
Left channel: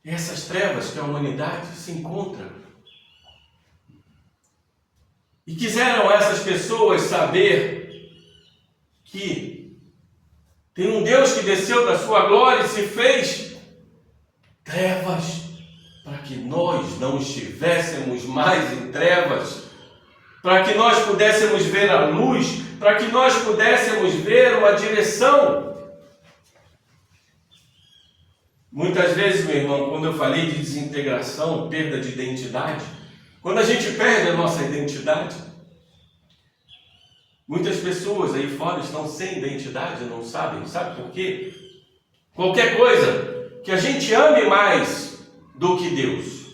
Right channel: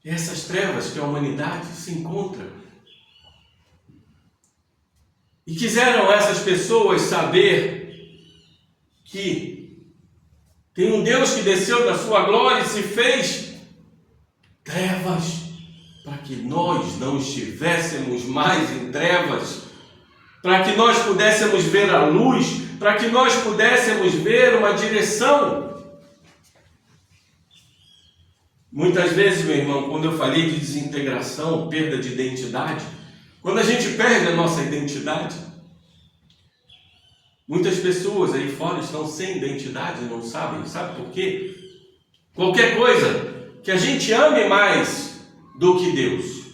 E essas trevas que a humanidade se encontra. E quiseram essas pessoas saber que tem um Deus que desceu da sua glória e se fez trevas, para que nós não estivéssemos mais em trevas, para que nós pudéssemos ver a luz, para que nós pudéssemos ver uma direção. Muitas vezes, meu irmão, quando eu falei de desintegração, perda de identidade, quando a gente perde a nossa identidade, muitas pessoas aí fora estão sem identidade, não sabem. Sabe por quê? Qualquer coisa que a gente ame mais do que Deus,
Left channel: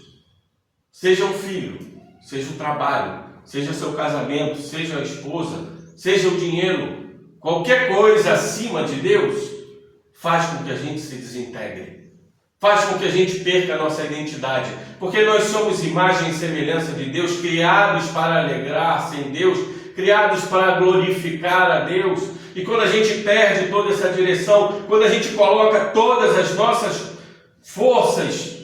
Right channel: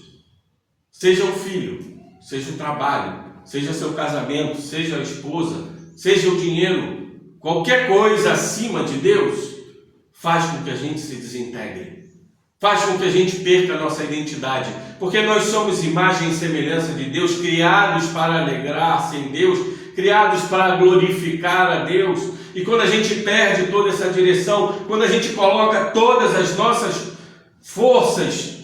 seja o filho, seja o trabalho, seja seu casamento, seja a esposa, seja o dinheiro, qualquer coisa acima de Deus, faz com que a gente se desintegre, faz com que a gente perca a nossa identidade, porque nós somos imagem e semelhança de Deus, criados para alegrar-se em Deus, criados para glorificar a Deus. E quando a gente perde toda essa direção, quando a gente coloca todas as nossas forças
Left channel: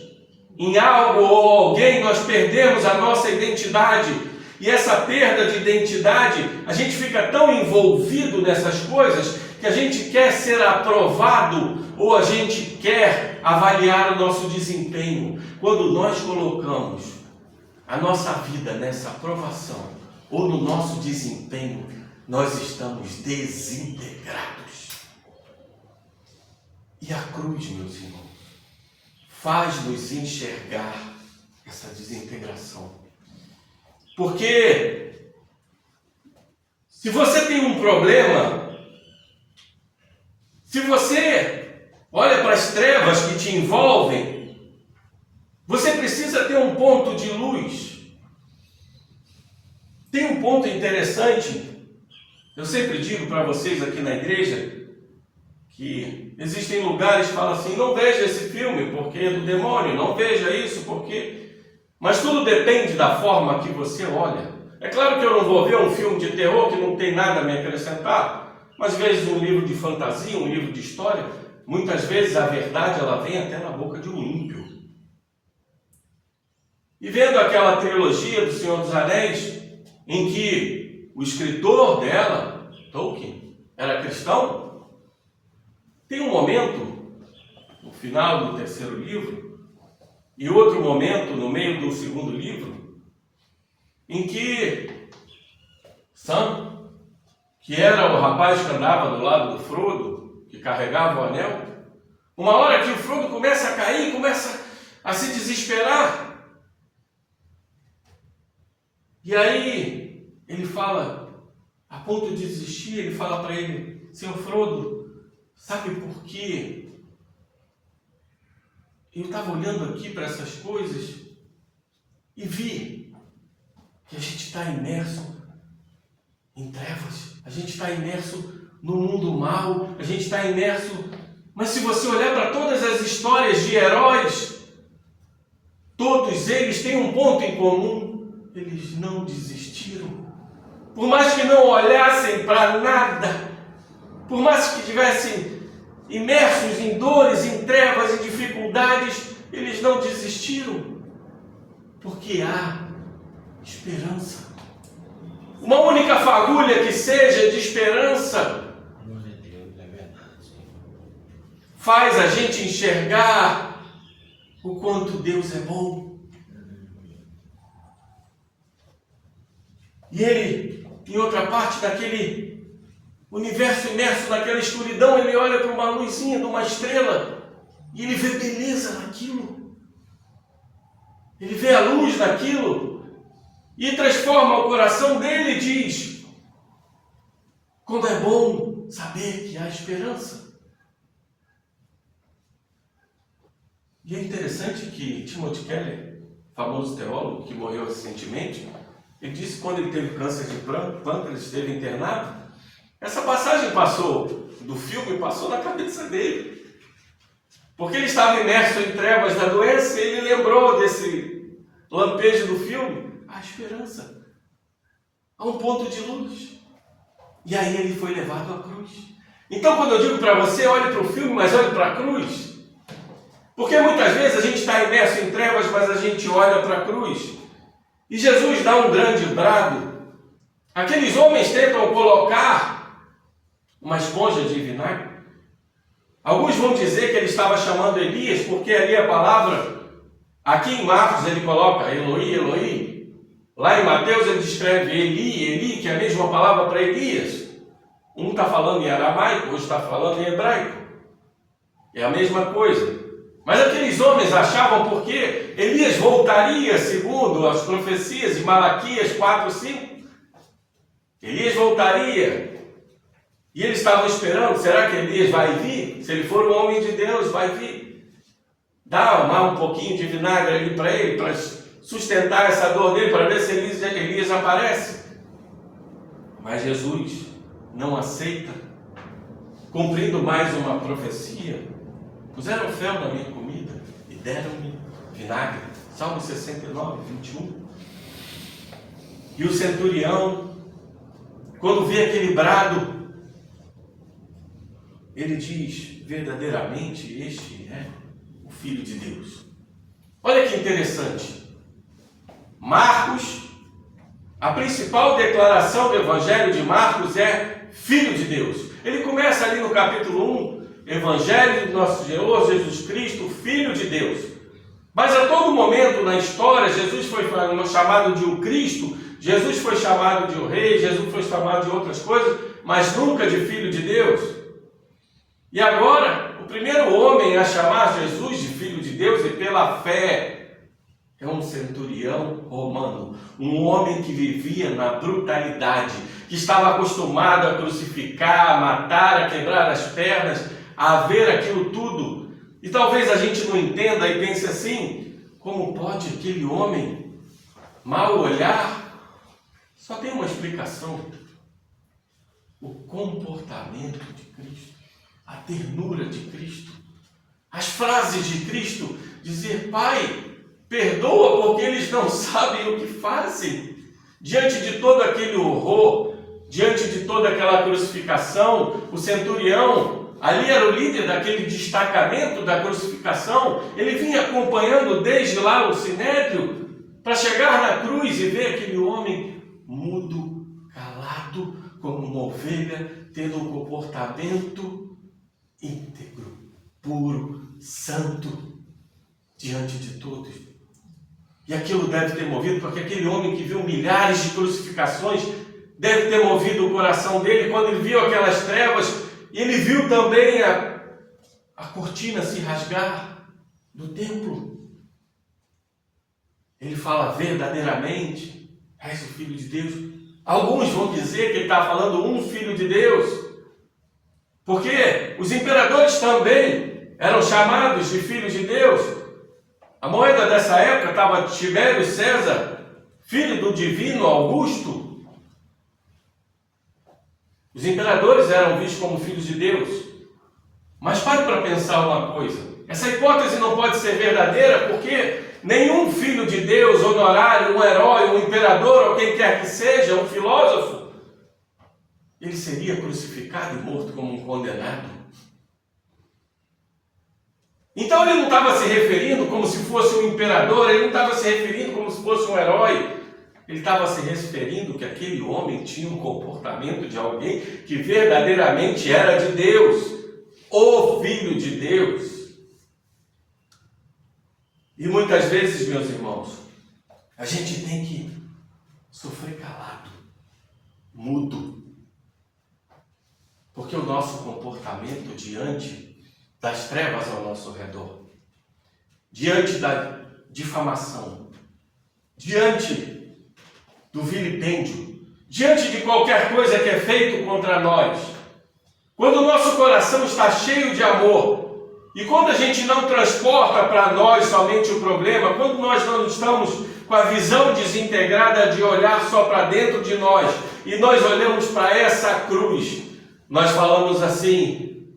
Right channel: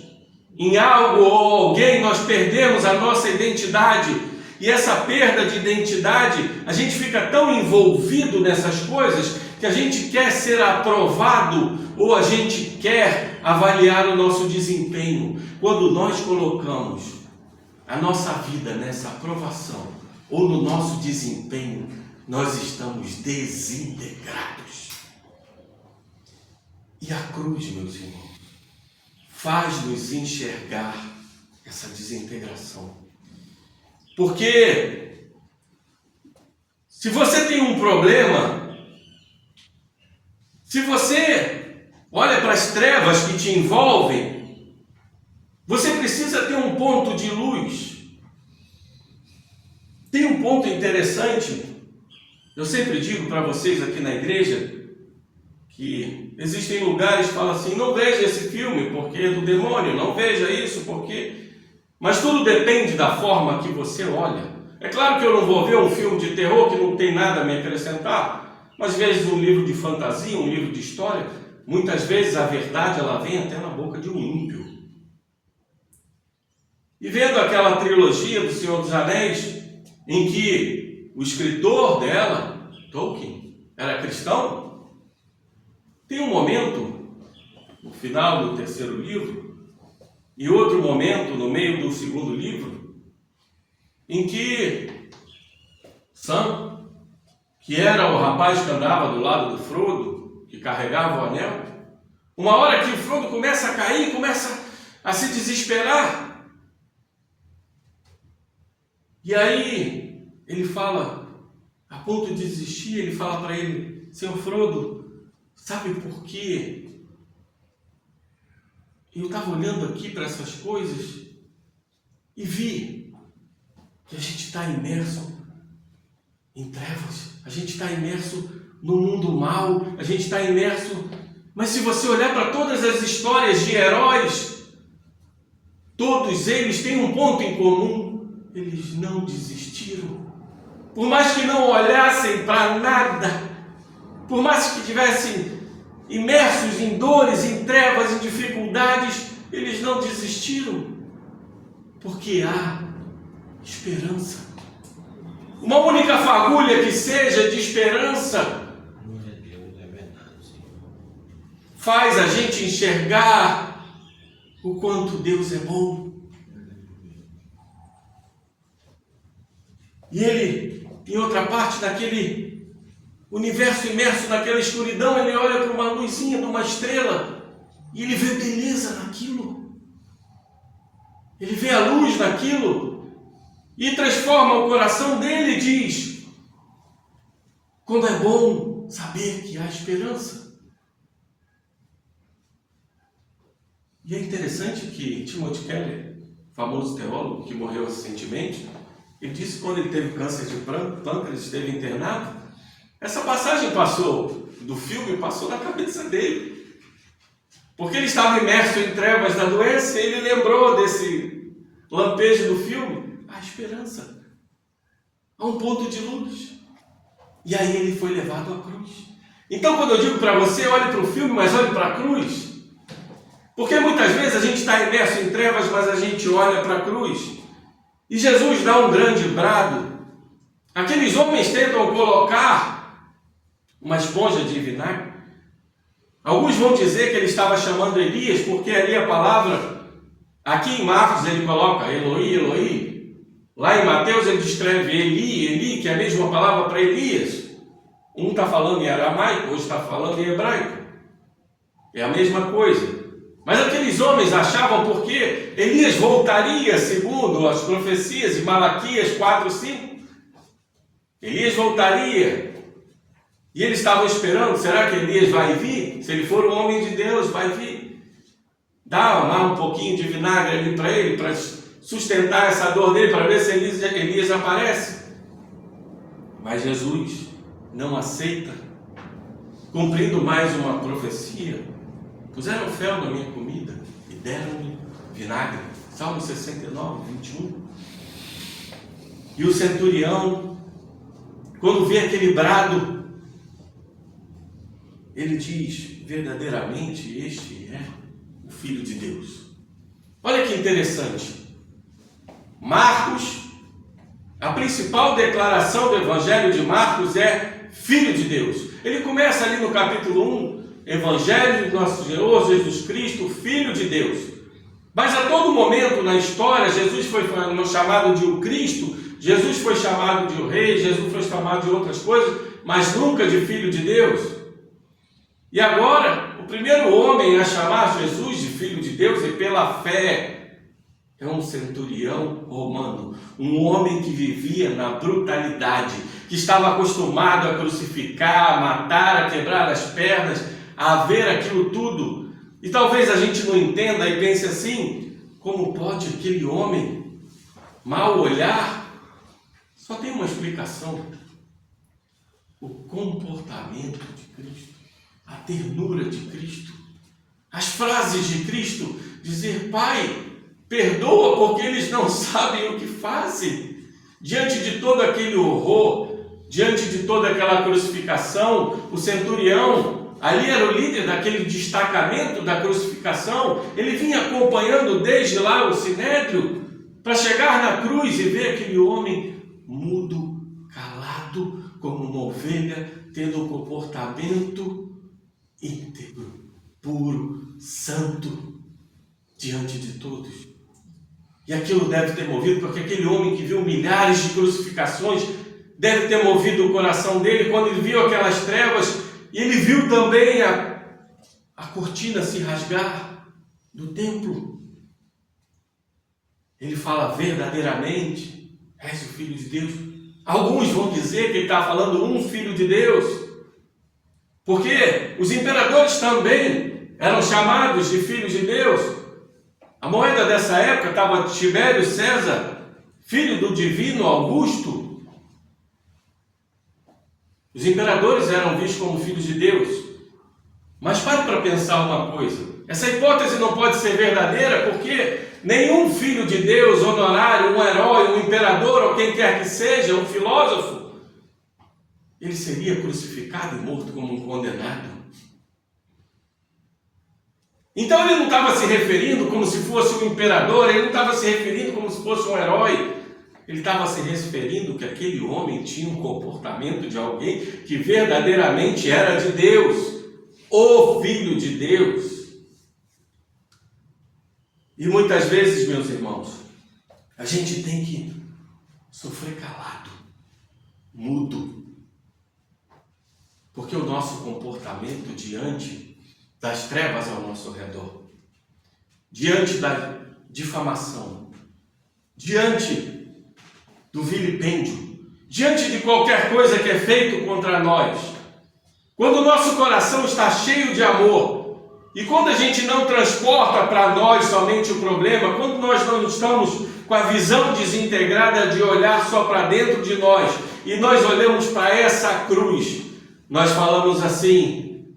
em algo ou alguém, nós perdemos a nossa identidade. E essa perda de identidade, a gente fica tão envolvido nessas coisas que a gente quer ser aprovado ou a gente quer avaliar o nosso desempenho. Quando nós colocamos a nossa vida nessa aprovação ou no nosso desempenho, nós estamos desintegrados. E a cruz, meus irmãos, faz-nos enxergar essa desintegração. Porque se você tem um problema, se você olha para as trevas que te envolvem, você precisa ter um ponto de luz. Tem um ponto interessante. Eu sempre digo para vocês aqui na igreja que existem lugares que falam assim: não veja esse filme porque é do demônio, não veja isso porque... Mas tudo depende da forma que você olha. É claro que eu não vou ver um filme de terror que não tem nada a me acrescentar, mas às vezes um livro de fantasia, um livro de história, muitas vezes a verdade ela vem até na boca de um ímpio. E vendo aquela trilogia do Senhor dos Anéis, em que o escritor dela, Tolkien, era cristão, tem um momento, no final do terceiro livro, e outro momento, no meio do segundo livro, em que Sam, que era o rapaz que andava do lado do Frodo, que carregava o anel, uma hora que o Frodo começa a cair, começa a se desesperar. E aí ele fala, a ponto de desistir, ele fala para ele: Senhor Frodo, sabe por quê? Eu estava olhando aqui para essas coisas e vi que a gente está imerso em trevas, a gente está imerso no mundo mal, a gente está imerso... Mas se você olhar para todas as histórias de heróis, todos eles têm um ponto em comum: eles não desistiram. Por mais que não olhassem para nada, por mais que tivessem imersos em dores, em trevas, em dificuldades, eles não desistiram, porque há esperança. Uma única fagulha que seja de esperança faz a gente enxergar o quanto Deus é bom. E ele, em outra parte daquele universo imerso naquela escuridão, ele olha para uma luzinha de uma estrela e ele vê beleza naquilo. Ele vê a luz naquilo e transforma o coração dele e diz: como é bom saber que há esperança. E é interessante que Timothy Keller, famoso teólogo que morreu recentemente, ele disse que quando ele teve câncer de pâncreas, esteve internado, essa passagem do filme passou na cabeça dele. Porque ele estava imerso em trevas da doença e ele lembrou desse lampejo do filme. A esperança. Há um ponto de luz. E aí ele foi levado à cruz. Então quando eu digo para você, olhe para o filme, mas olhe para a cruz. Porque muitas vezes a gente está imerso em trevas, mas a gente olha para a cruz. E Jesus dá um grande brado. Aqueles homens tentam colocar uma esponja de vinagre. Alguns vão dizer que ele estava chamando Elias, porque ali a palavra, aqui em Marcos ele coloca Eloi, Eloi. Lá em Mateus ele descreve Eli, Eli, que é a mesma palavra para Elias. Um está falando em aramaico, outro está falando em hebraico. É a mesma coisa. Mas aqueles homens achavam porque Elias voltaria, segundo as profecias de Malaquias 4:5. Elias voltaria. E eles estavam esperando: será que Elias vai vir? Se ele for um homem de Deus, vai vir. Dá um pouquinho de vinagre ali para ele, para sustentar essa dor dele, para ver se Elias aparece. Mas Jesus não aceita. Cumprindo mais uma profecia, puseram fel na minha comida e deram-me vinagre. Salmo 69, 21. E o centurião, quando vê aquele brado, ele diz: verdadeiramente este é o Filho de Deus. Olha que interessante. Marcos, a principal declaração do Evangelho de Marcos é Filho de Deus. Ele começa ali no capítulo 1, Evangelho do nosso Senhor Jesus Cristo, Filho de Deus. Mas a todo momento na história, Jesus foi chamado de o Cristo, Jesus foi chamado de o Rei, Jesus foi chamado de outras coisas, mas nunca de Filho de Deus. E agora, O primeiro homem a chamar Jesus de Filho de Deus e pela fé é um centurião romano, um homem que vivia na brutalidade, que estava acostumado a crucificar, a matar, a quebrar as pernas, a ver aquilo tudo. E talvez a gente não entenda e pense assim: como pode aquele homem mal olhar? Só tem uma explicação: o comportamento de Cristo, a ternura de Cristo, as frases de Cristo, dizer: Pai, perdoa porque eles não sabem o que fazem. Diante de todo aquele horror, diante de toda aquela crucificação, o centurião, ali era o líder daquele destacamento da crucificação, ele vinha acompanhando desde lá o sinédrio, para chegar na cruz e ver aquele homem mudo, calado, como uma ovelha, tendo um comportamento íntegro, puro, santo, diante de todos. E aquilo deve ter movido, porque aquele homem que viu milhares de crucificações, deve ter movido o coração dele quando ele viu aquelas trevas, e ele viu também a cortina se rasgar do templo. Ele fala: verdadeiramente és o Filho de Deus. Alguns vão dizer que ele está falando um Filho de Deus, porque os imperadores também eram chamados de filhos de Deus. A moeda dessa época estava Tibério César, filho do divino Augusto. Os imperadores eram vistos como filhos de Deus. Mas pare para pensar uma coisa: essa hipótese não pode ser verdadeira, porque nenhum filho de Deus, honorário, um herói, um imperador, ou quem quer que seja, um filósofo, ele seria crucificado e morto como um condenado. Então ele não estava se referindo como se fosse um imperador, ele não estava se referindo como se fosse um herói, ele estava se referindo que aquele homem tinha um comportamento de alguém que verdadeiramente era de Deus, o Filho de Deus. E muitas vezes, meus irmãos, a gente tem que sofrer calado, mudo, porque o nosso comportamento diante das trevas ao nosso redor, diante da difamação, diante do vilipêndio, diante de qualquer coisa que é feito contra nós, quando o nosso coração está cheio de amor, e quando a gente não transporta para nós somente o problema, quando nós não estamos com a visão desintegrada de olhar só para dentro de nós, e nós olhamos para essa cruz, nós falamos assim:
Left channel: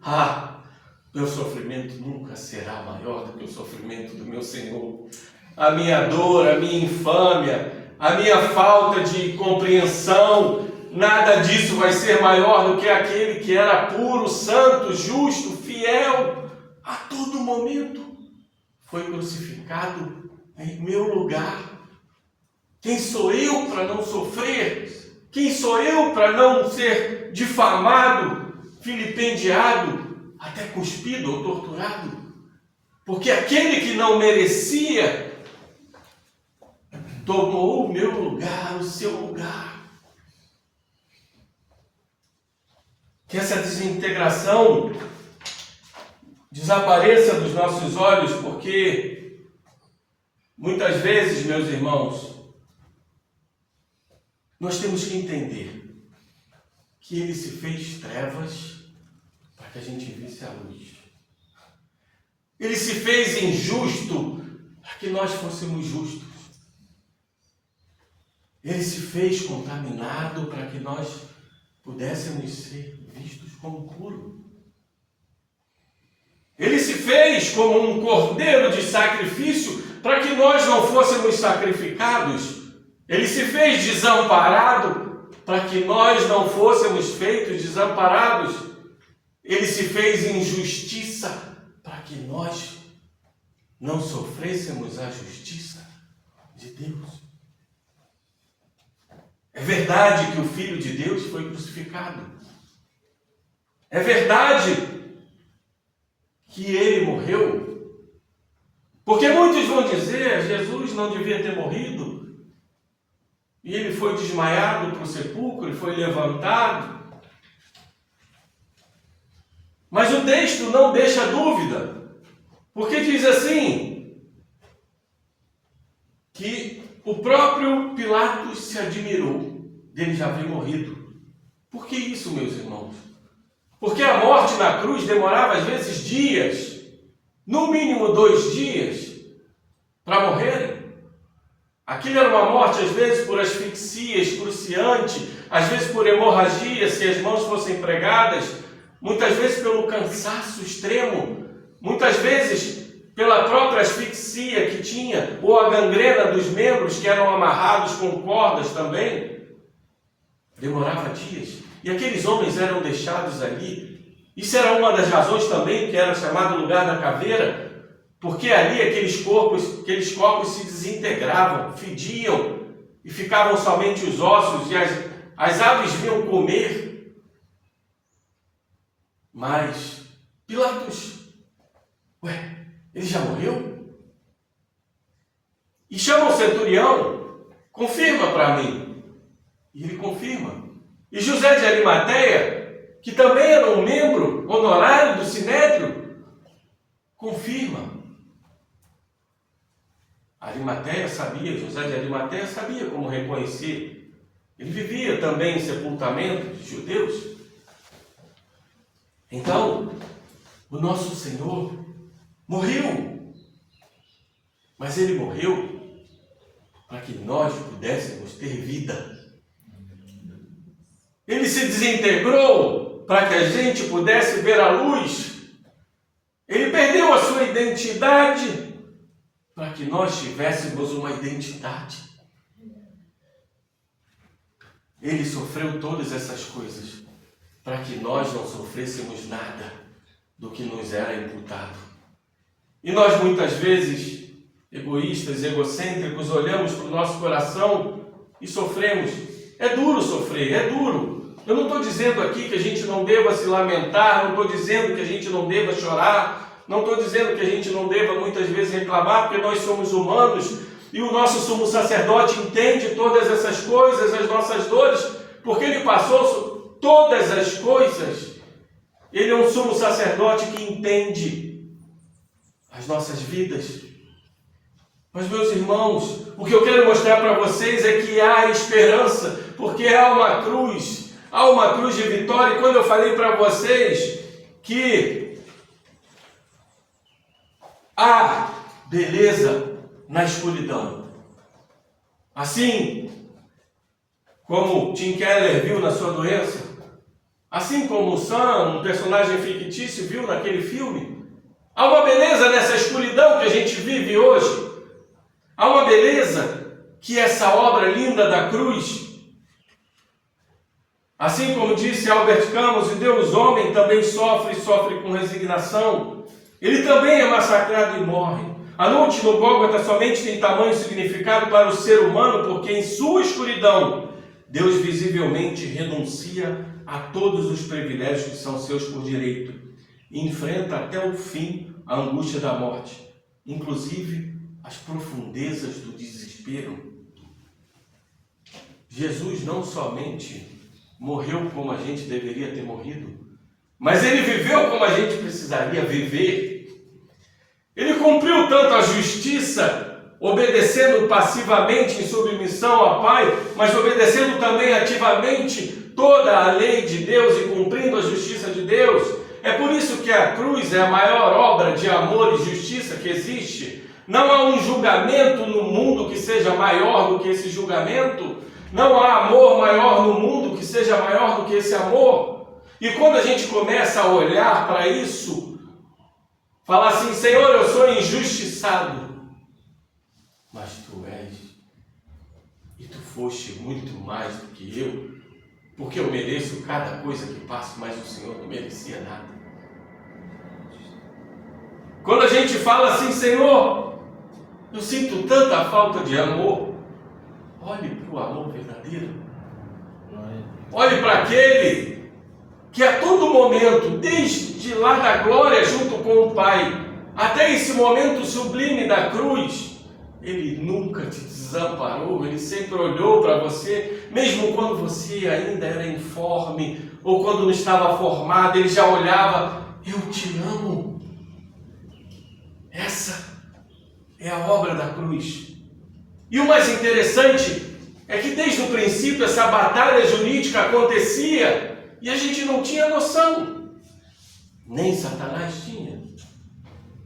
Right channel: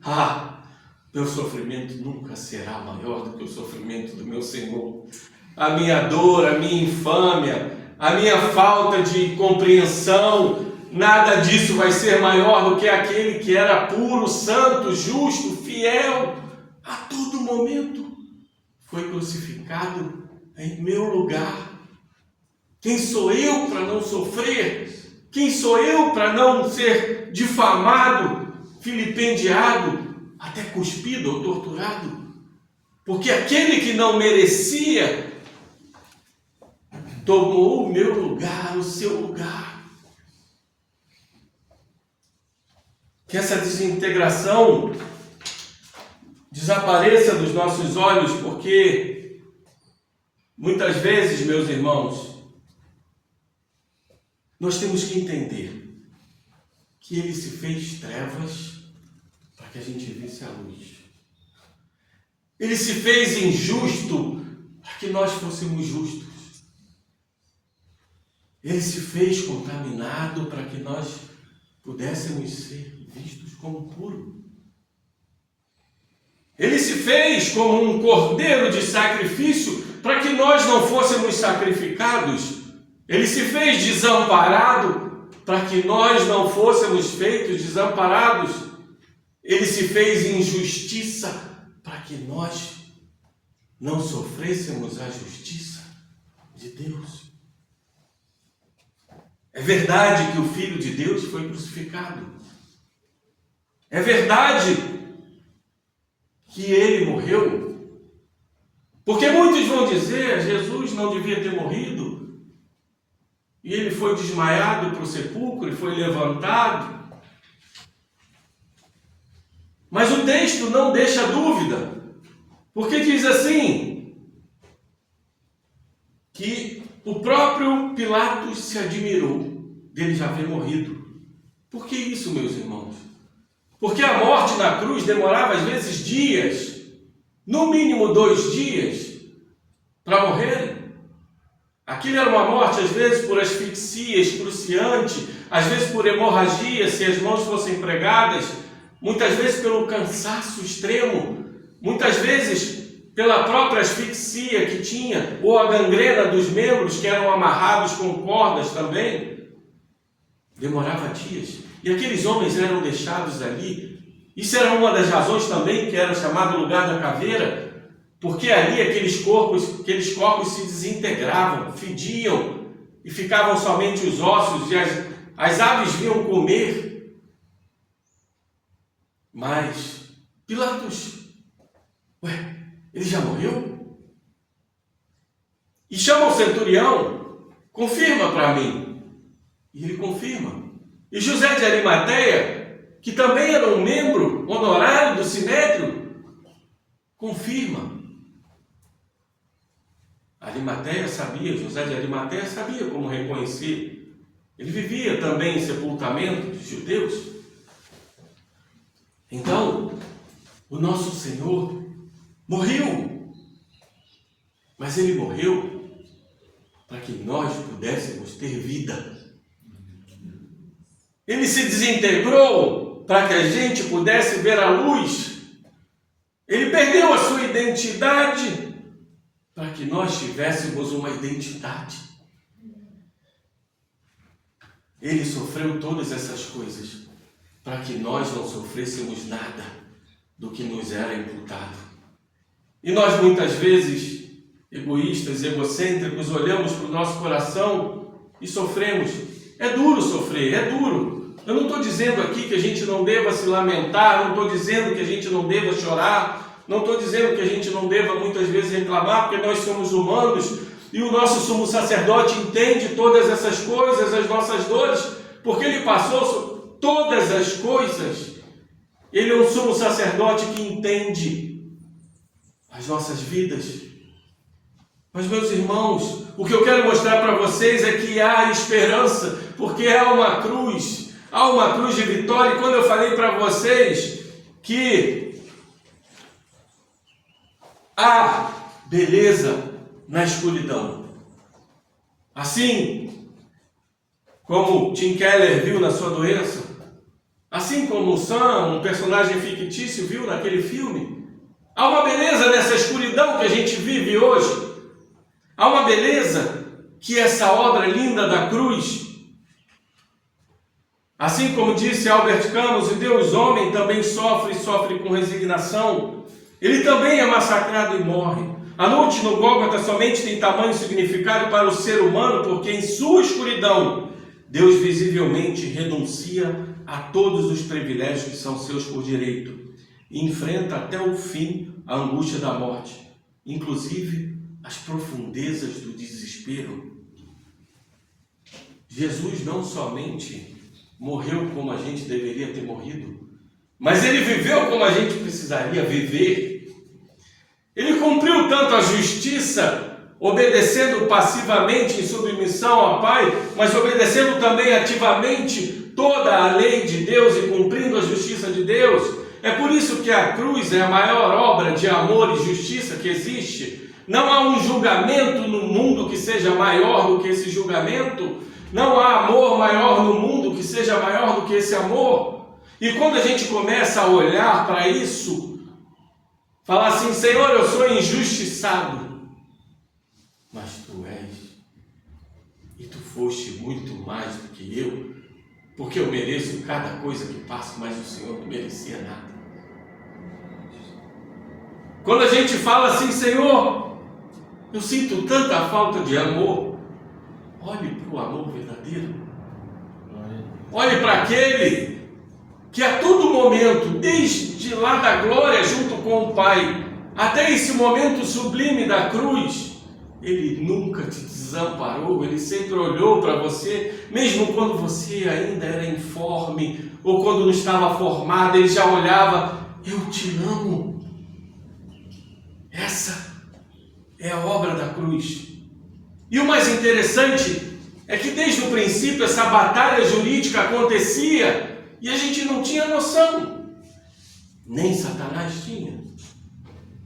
meu sofrimento nunca será maior do que o sofrimento do meu Senhor. A minha dor, a minha infâmia, a minha falta de compreensão, nada disso vai ser maior do que aquele que era puro, santo, justo, fiel, a todo momento foi crucificado em meu lugar. Quem sou eu para não sofrer? Quem sou eu para não ser difamado, vilipendiado, até cuspido ou torturado? Porque aquele que não merecia tomou o meu lugar, o seu lugar. Que essa desintegração desapareça dos nossos olhos, porque muitas vezes, meus irmãos, nós temos que entender que ele se fez trevas para que a gente visse a luz. Ele se fez injusto para que nós fôssemos justos. Ele se fez contaminado para que nós pudéssemos ser vistos como puros. Ele se fez como um cordeiro de sacrifício para que nós não fôssemos sacrificados. Ele se fez desamparado para que nós não fôssemos feitos desamparados. Ele se fez injustiça para que nós não sofrêssemos a justiça de Deus. É verdade que o Filho de Deus foi crucificado. É verdade que ele morreu. Porque muitos vão dizer: Jesus não devia ter morrido. E ele foi desmaiado para o sepulcro e foi levantado. Mas o texto não deixa dúvida, porque diz assim, que o próprio Pilatos se admirou dele já haver morrido. Por que isso, meus irmãos? Porque a morte na cruz demorava às vezes dias, no mínimo 2 dias, para morrerem. Aquilo era uma morte, às vezes, por asfixia excruciante, às vezes por hemorragia, se as mãos fossem pregadas, muitas vezes pelo cansaço extremo, muitas vezes pela própria asfixia que tinha, ou a gangrena dos membros que eram amarrados com cordas também. Demorava dias. E aqueles homens eram deixados ali. Isso era uma das razões também que era chamado lugar da caveira, porque ali aqueles corpos se desintegravam, fediam, e ficavam somente os ossos, e as aves vinham comer. Mas Pilatos, ele já morreu? E chama o centurião, confirma para mim. E ele confirma. E José de Arimateia, que também era um membro honorário do Sinédrio, confirma. José de Arimateia sabia como reconhecer. Ele vivia também em sepultamento dos judeus. Então, o nosso Senhor morreu. Mas ele morreu para que nós pudéssemos ter vida. Ele se desintegrou para que a gente pudesse ver a luz. Ele perdeu a sua identidade para que nós tivéssemos uma identidade. Ele sofreu todas essas coisas para que nós não sofrêssemos nada do que nos era imputado. E nós muitas vezes, egoístas, egocêntricos, olhamos para o nosso coração e sofremos. É duro sofrer, é duro. Eu não estou dizendo aqui que a gente não deva se lamentar, não estou dizendo que a gente não deva chorar, não estou dizendo que a gente não deva muitas vezes reclamar, porque nós somos humanos e o nosso sumo sacerdote entende todas essas coisas, as nossas dores, porque ele passou todas as coisas. Ele é um sumo sacerdote que entende as nossas vidas. Mas, meus irmãos, o que eu quero mostrar para vocês é que há esperança, porque há uma cruz de vitória. E quando eu falei para vocês que há beleza na escuridão, assim como Tim Keller viu na sua doença, assim como o Sam, um personagem fictício, viu naquele filme, há uma beleza nessa escuridão que a gente vive hoje. Há uma beleza que essa obra linda da cruz, assim como disse Albert Camus, e Deus homem também sofre com resignação. Ele também é massacrado e morre. A noite no Gólgota somente tem tamanho significado para o ser humano, porque em sua escuridão, Deus visivelmente renuncia a todos os privilégios que são seus por direito e enfrenta até o fim a angústia da morte, inclusive as profundezas do desespero. Jesus não somente morreu como a gente deveria ter morrido, mas ele viveu como a gente precisaria viver. Ele cumpriu tanto a justiça, obedecendo passivamente em submissão ao Pai, mas obedecendo também ativamente toda a lei de Deus e cumprindo a justiça de Deus. É por isso que a cruz é a maior obra de amor e justiça que existe. Não há um julgamento no mundo que seja maior do que esse julgamento. Não há amor maior no mundo que seja maior do que esse amor. E quando a gente começa a olhar para isso, falar assim: Senhor, eu sou injustiçado, mas Tu és, e Tu foste muito mais do que eu, porque eu mereço cada coisa que passo, mas o Senhor não merecia nada. Quando a gente fala assim: Senhor, eu sinto tanta falta de amor, olhe para o amor verdadeiro, olhe para aquele que a todo momento, desde lá da glória junto com o Pai, até esse momento sublime da cruz, Ele nunca te desamparou, Ele sempre olhou para você, mesmo quando você ainda era informe, ou quando não estava formado, Ele já olhava eu te amo. Essa é a obra da cruz. E o mais interessante é que desde o princípio essa batalha jurídica acontecia e a gente não tinha noção. Nem Satanás tinha.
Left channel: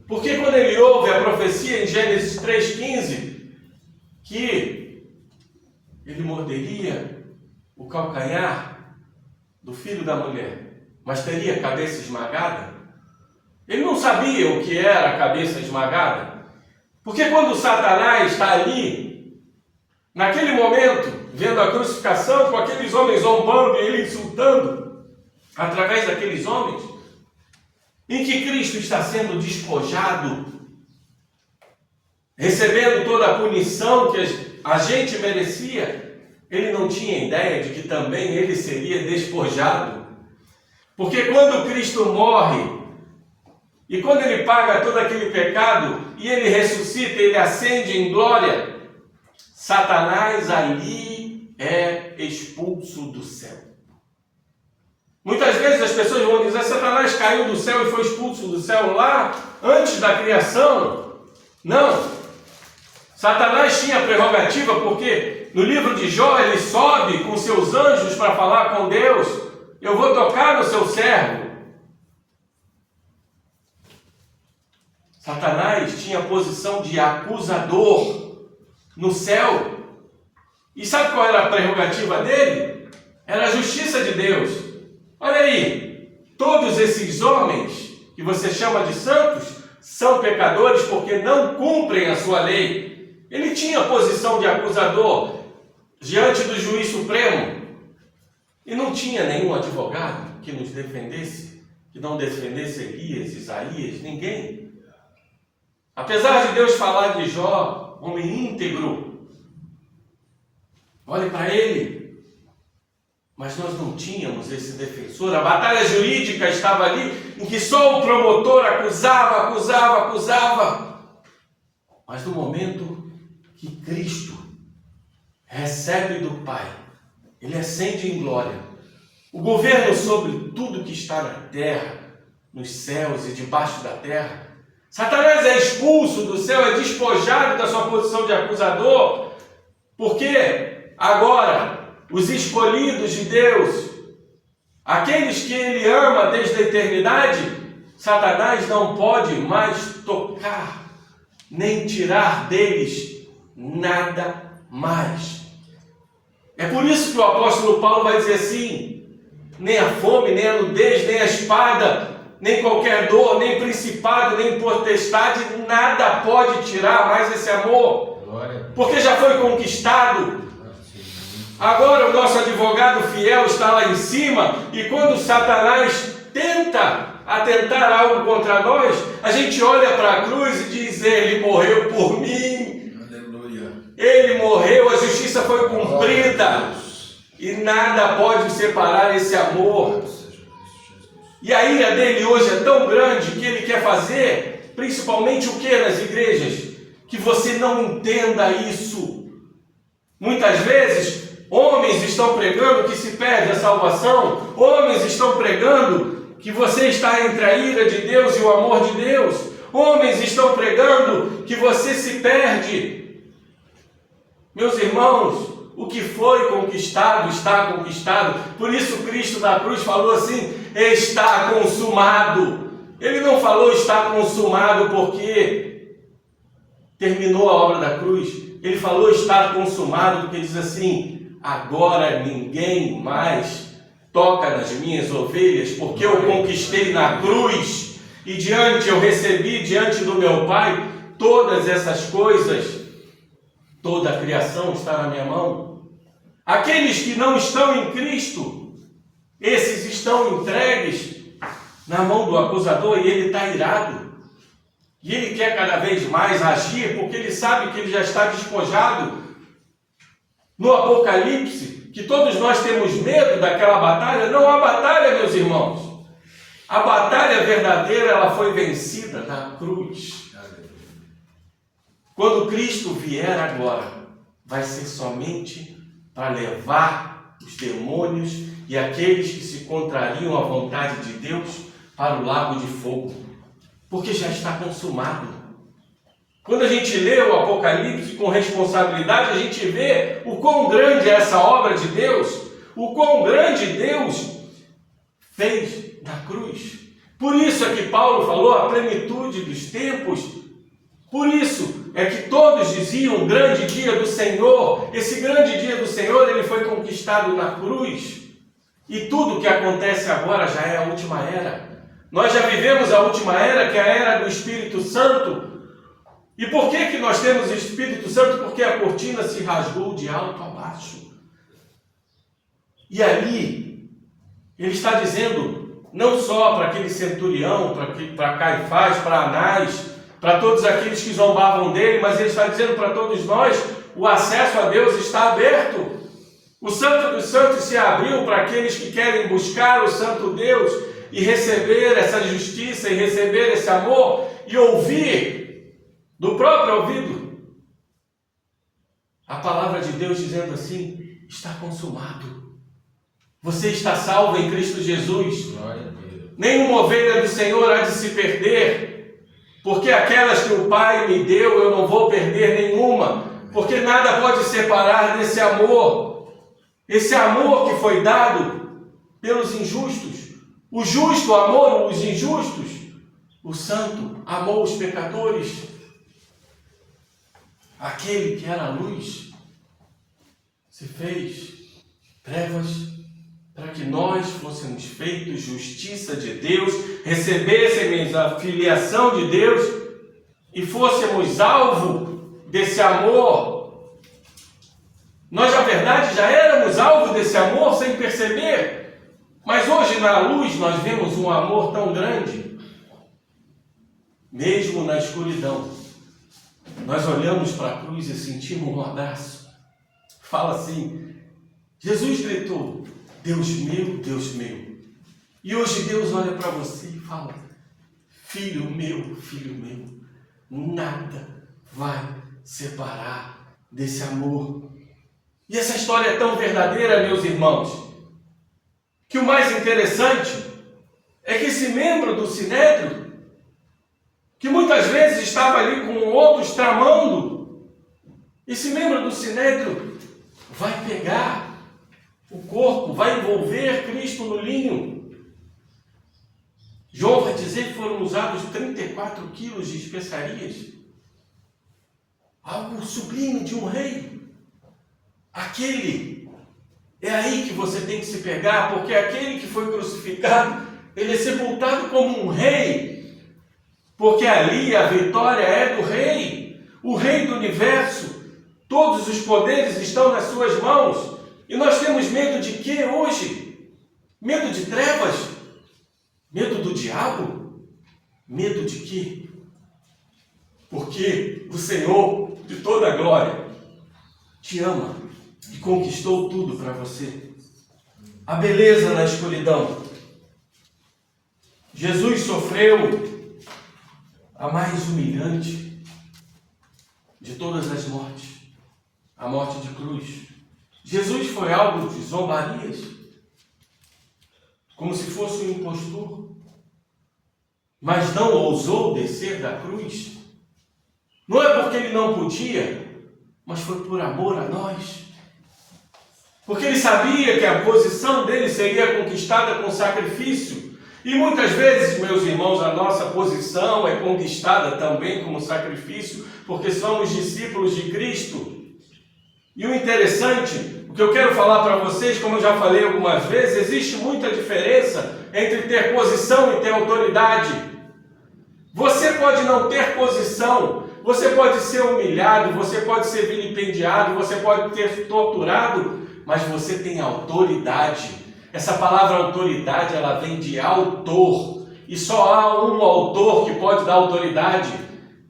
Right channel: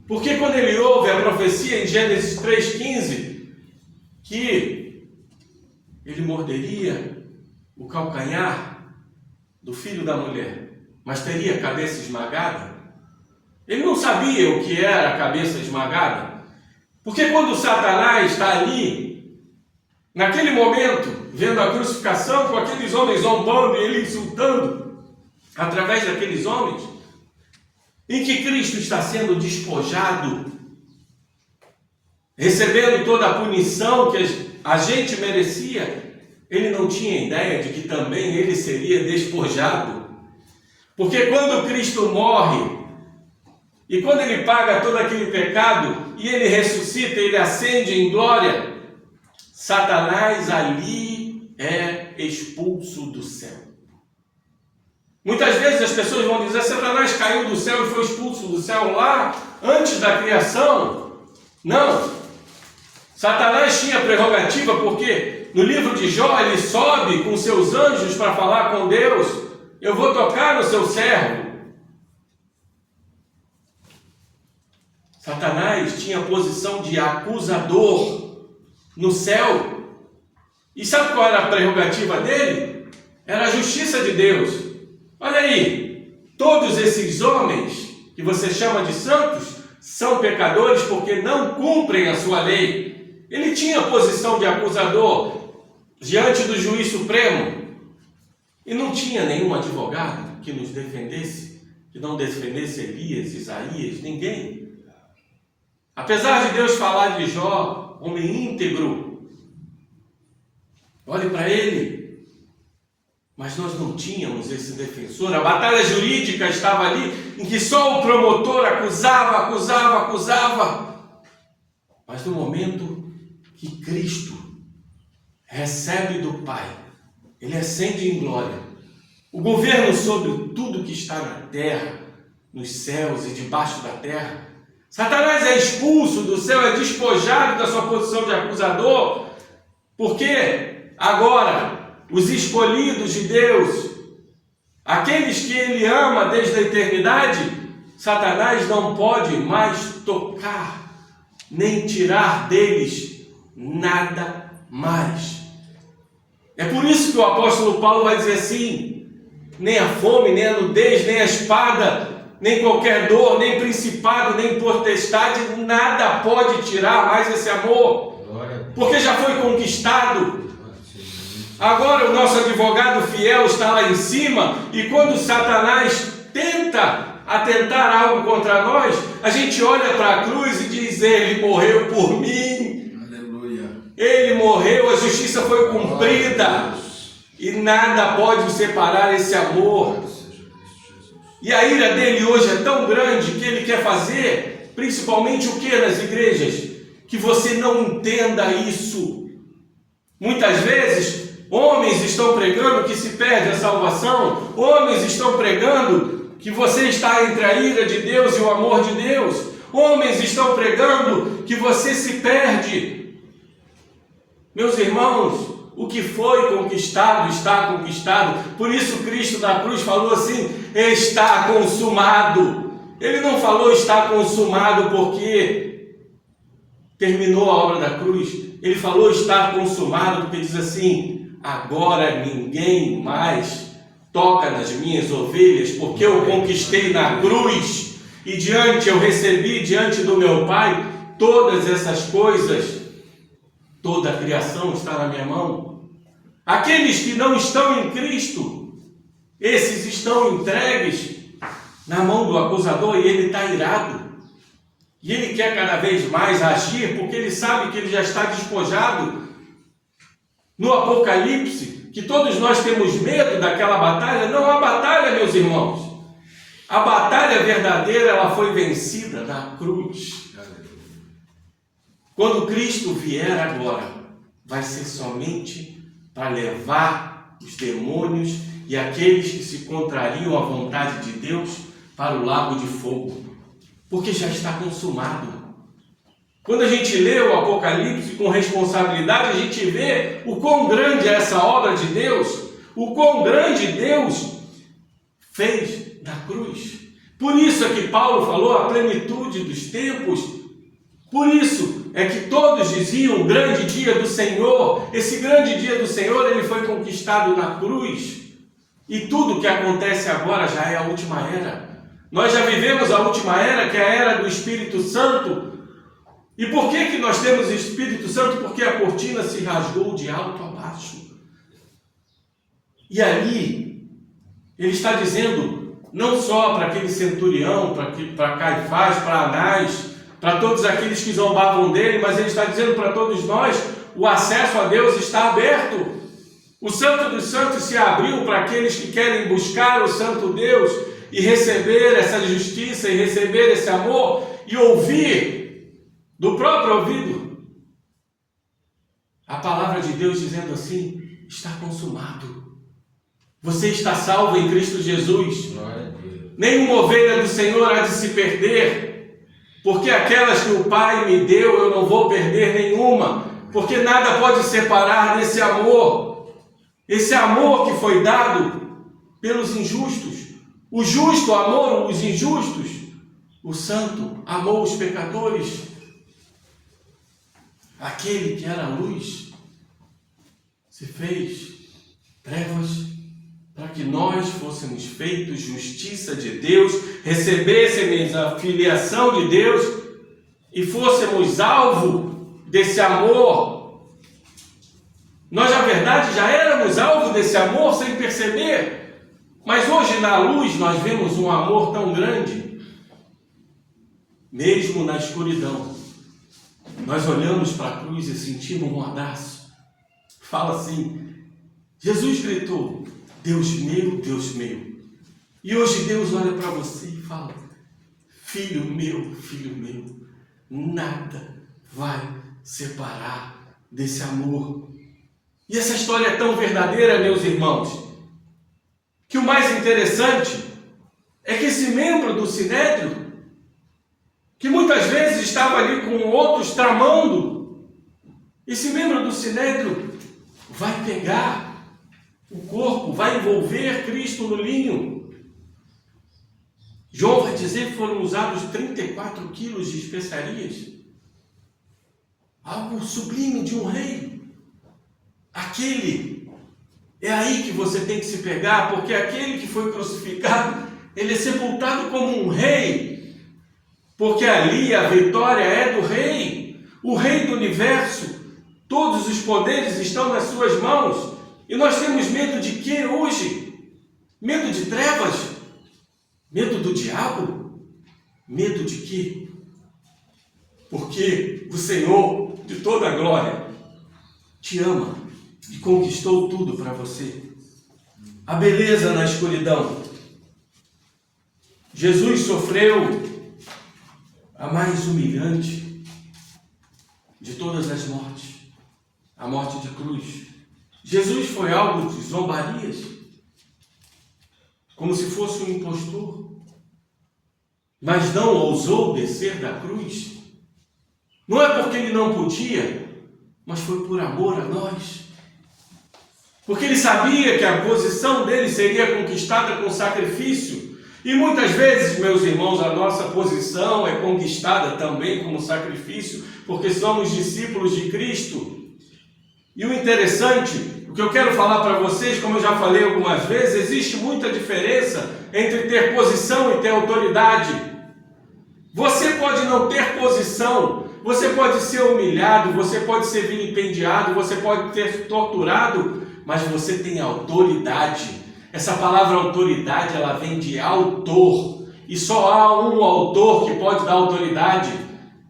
Porque quando ele ouve a profecia em Gênesis 3,15, que ele morderia o calcanhar do filho da mulher, mas teria a cabeça esmagada, ele não sabia o que era a cabeça esmagada. Porque quando Satanás está ali, naquele momento, vendo a crucificação, com aqueles homens zombando e ele insultando, através daqueles homens, em que Cristo está sendo despojado, recebendo toda a punição que a gente merecia, ele não tinha ideia de que também ele seria despojado. Porque quando Cristo morre, e quando ele paga todo aquele pecado, e ele ressuscita, ele ascende em glória, Satanás ali é expulso do céu. Muitas vezes as pessoas vão dizer, Satanás caiu do céu e foi expulso do céu lá, antes da criação. Não. Satanás tinha prerrogativa porque no livro de Jó ele sobe com seus anjos para falar com Deus. Eu vou tocar no seu servo. Satanás tinha a posição de acusador no céu. E sabe qual era a prerrogativa dele? Era a justiça de Deus. Olha aí, todos esses homens que você chama de santos são pecadores porque não cumprem a sua lei. Ele tinha a posição de acusador diante do juiz supremo e não tinha nenhum advogado que nos defendesse, que não defendesse Elias, Isaías, ninguém. Apesar de Deus falar de Jó, homem íntegro, olhe para ele. Mas nós não tínhamos esse defensor. A batalha jurídica estava ali, em que só o promotor acusava. Mas no momento que Cristo recebe do Pai, ele ascende em glória, o governo sobre tudo que está na terra, nos céus e debaixo da terra, Satanás é expulso do céu, é despojado da sua posição de acusador, porque agora os escolhidos de Deus, aqueles que ele ama desde a eternidade, Satanás não pode mais tocar, nem tirar deles nada mais. É por isso que o apóstolo Paulo vai dizer assim, nem a fome, nem a nudez, nem a espada, nem qualquer dor, nem principado, nem potestade, nada pode tirar mais esse amor, porque já foi conquistado. Agora o nosso advogado fiel está lá em cima, e quando Satanás tenta atentar algo contra nós, a gente olha para a cruz e diz, ele morreu por mim. Aleluia. Ele morreu, a justiça foi cumprida, e nada pode separar esse amor. E a ira dele hoje é tão grande que ele quer fazer, principalmente o que nas igrejas? Que você não entenda isso. Muitas vezes homens estão pregando que se perde a salvação. Homens estão pregando que você está entre a ira de Deus e o amor de Deus. Homens estão pregando que você se perde. Meus irmãos, o que foi conquistado, está conquistado. Por isso Cristo na cruz falou assim, está consumado. Ele não falou está consumado porque terminou a obra da cruz. Ele falou está consumado porque diz assim, agora ninguém mais toca nas minhas ovelhas, porque eu conquistei na cruz, e eu recebi diante do meu Pai todas essas coisas, toda a criação está na minha mão. Aqueles que não estão em Cristo, esses estão entregues na mão do acusador, e ele está irado, e ele quer cada vez mais agir, porque ele sabe que ele já está despojado. No Apocalipse, que todos nós temos medo daquela batalha, não há batalha, meus irmãos. A batalha verdadeira, ela foi vencida na cruz. Quando Cristo vier agora, vai ser somente para levar os demônios e aqueles que se contrariam à vontade de Deus para o lago de fogo, porque já está consumado. Quando a gente lê o Apocalipse com responsabilidade, a gente vê o quão grande é essa obra de Deus, o quão grande Deus fez na cruz. Por isso é que Paulo falou a plenitude dos tempos. Por isso é que todos diziam grande dia do Senhor. Esse grande dia do Senhor, ele foi conquistado na cruz. E tudo que acontece agora já é a última era. Nós já vivemos a última era, que é a era do Espírito Santo. E por que nós temos o Espírito Santo? Porque a cortina se rasgou de alto a baixo. E ali, ele está dizendo, não só para aquele centurião, para Caifás, para Anás, para todos aqueles que zombavam dele, mas ele está dizendo para todos nós, o acesso a Deus está aberto. O Santo dos Santos se abriu para aqueles que querem buscar o Santo Deus e receber essa justiça e receber esse amor e ouvir do próprio ouvido a palavra de Deus dizendo assim, está consumado. Você está salvo em Cristo Jesus. Nenhuma ovelha do Senhor há de se perder, porque aquelas que o Pai me deu, eu não vou perder nenhuma, porque nada pode separar desse amor, esse amor que foi dado pelos injustos. O justo amou os injustos, o santo amou os pecadores. Aquele que era luz se fez trevas para que nós fôssemos feitos justiça de Deus, recebêssemos a filiação de Deus e fôssemos alvo desse amor. Nós, na verdade, já éramos alvo desse amor sem perceber, mas hoje na luz nós vemos um amor tão grande, mesmo na escuridão. Nós olhamos para a cruz e sentimos um abraço. Fala assim, Jesus gritou, Deus meu, Deus meu. E hoje Deus olha para você e fala, filho meu, nada vai separar desse amor. E essa história é tão verdadeira, meus irmãos, que o mais interessante é que esse membro do Sinédrio, que muitas vezes estava ali com outros tramando, esse membro do Sinédrio vai pegar o corpo, vai envolver Cristo no linho. João vai dizer que foram usados 34 quilos de especiarias, algo sublime de um rei. É aí que você tem que se pegar, porque aquele que foi crucificado, ele é sepultado como um rei, porque ali a vitória é do rei, o rei do universo. Todos os poderes estão nas suas mãos. E nós temos medo de quê hoje? Medo de trevas? Medo do diabo? Medo de quê? Porque o Senhor de toda a glória te ama e conquistou tudo para você. A beleza na escuridão. Jesus sofreu a mais humilhante de todas as mortes, a morte de cruz. Jesus foi alvo de zombarias, como se fosse um impostor, mas não ousou descer da cruz. Não é porque ele não podia, mas foi por amor a nós. Porque ele sabia que a posição dele seria conquistada com sacrifício. E muitas vezes, meus irmãos, a nossa posição é conquistada também como sacrifício, porque somos discípulos de Cristo. E o interessante, o que eu quero falar para vocês, como eu já falei algumas vezes, existe muita diferença entre ter posição e ter autoridade. Você pode não ter posição, você pode ser humilhado, você pode ser vilipendiado, você pode ter torturado, mas você tem autoridade. Essa palavra autoridade, ela vem de autor, e só há um autor que pode dar autoridade,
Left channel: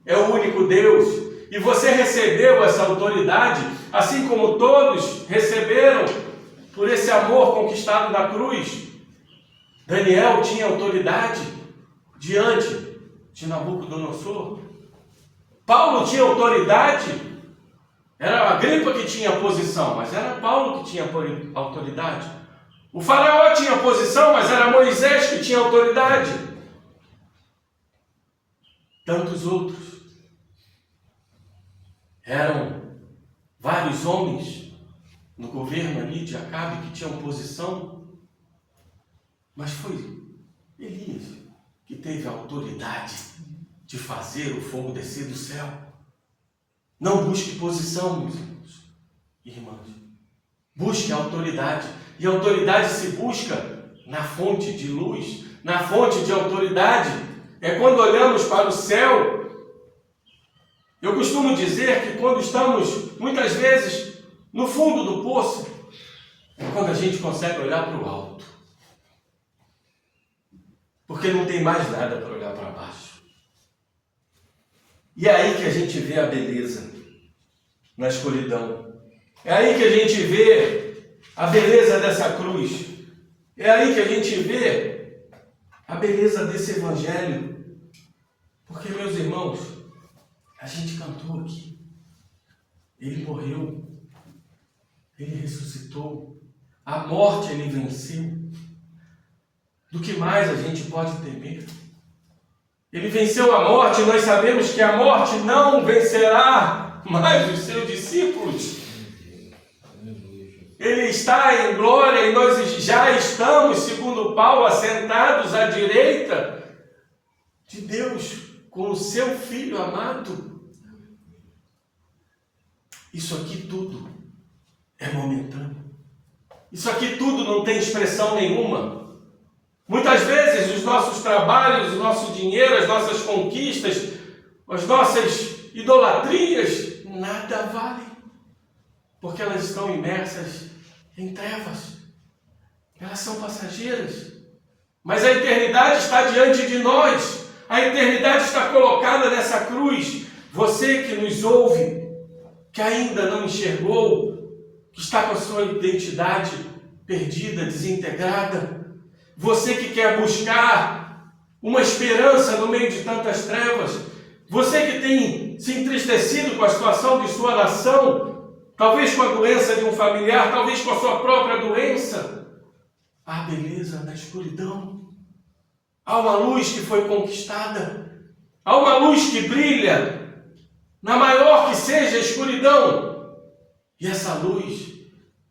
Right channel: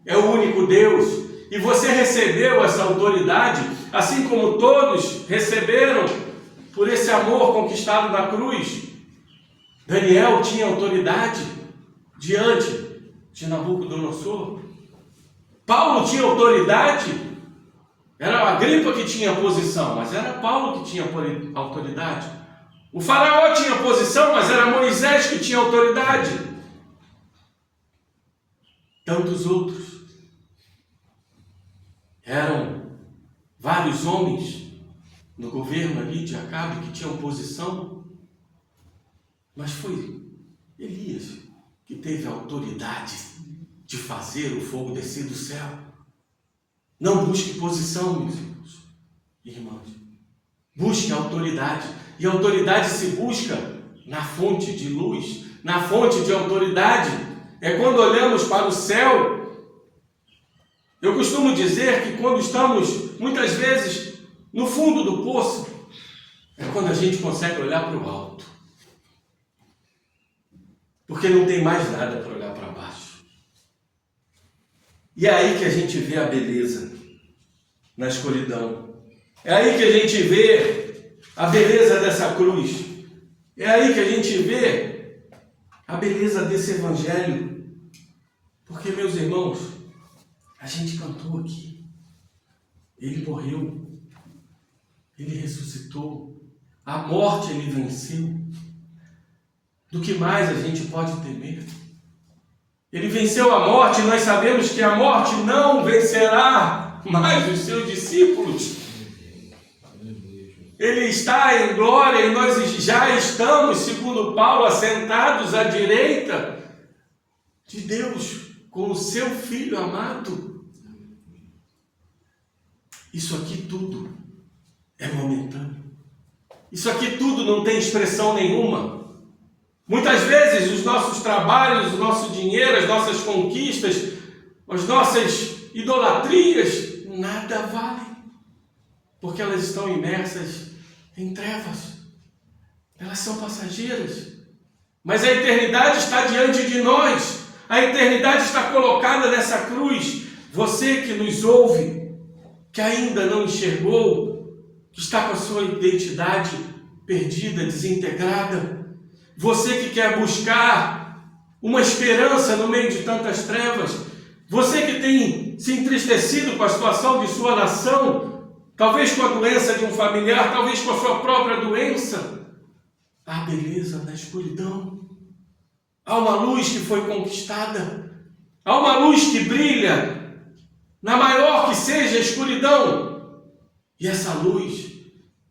é o único Deus. E você recebeu essa autoridade, assim como todos receberam por esse amor conquistado na cruz. Daniel tinha autoridade diante de Nabucodonosor. Paulo tinha autoridade, era a Agripa que tinha posição, mas era Paulo que tinha autoridade. O faraó tinha posição, mas era Moisés que tinha autoridade. tantos outros. Eram vários homens no governo ali de Acabe que tinham posição, mas foi Elias que teve a autoridade de fazer o fogo descer do céu. Não busque posição, meus irmãos e irmãs. Busque a autoridade. E a autoridade se busca na fonte de luz, na fonte de autoridade. É quando olhamos para o céu. Eu costumo dizer que quando estamos, muitas vezes, no fundo do poço, é quando a gente consegue olhar para o alto. Porque não tem mais nada para olhar para baixo. E é aí que a gente vê a beleza na escuridão. É aí que a gente vê a beleza dessa cruz. É aí que a gente vê a beleza desse evangelho. Porque, meus irmãos, a gente cantou aqui. Ele morreu. Ele ressuscitou. A morte ele venceu. Do que mais a gente pode temer? Ele venceu a morte, nós sabemos que a morte não vencerá mais os seus discípulos. Ele está em glória e nós já estamos, segundo Paulo, assentados à direita de Deus, com o seu Filho amado. Isso aqui tudo é momentâneo. Isso aqui tudo não tem expressão nenhuma. Muitas vezes os nossos trabalhos, o nosso dinheiro, as nossas conquistas, as nossas idolatrias, nada valem, porque elas estão imersas em trevas. Elas são passageiras. Mas a eternidade está diante de nós. A eternidade está colocada nessa cruz. Você que nos ouve, que ainda não enxergou, que está com a sua identidade perdida, desintegrada, você que quer buscar uma esperança no meio de tantas trevas, você que tem se entristecido com a situação de sua nação, talvez com a doença de um familiar, talvez com a sua própria doença, há beleza na escuridão. Há uma luz que foi conquistada, há uma luz que brilha, na maior que seja a escuridão, e essa luz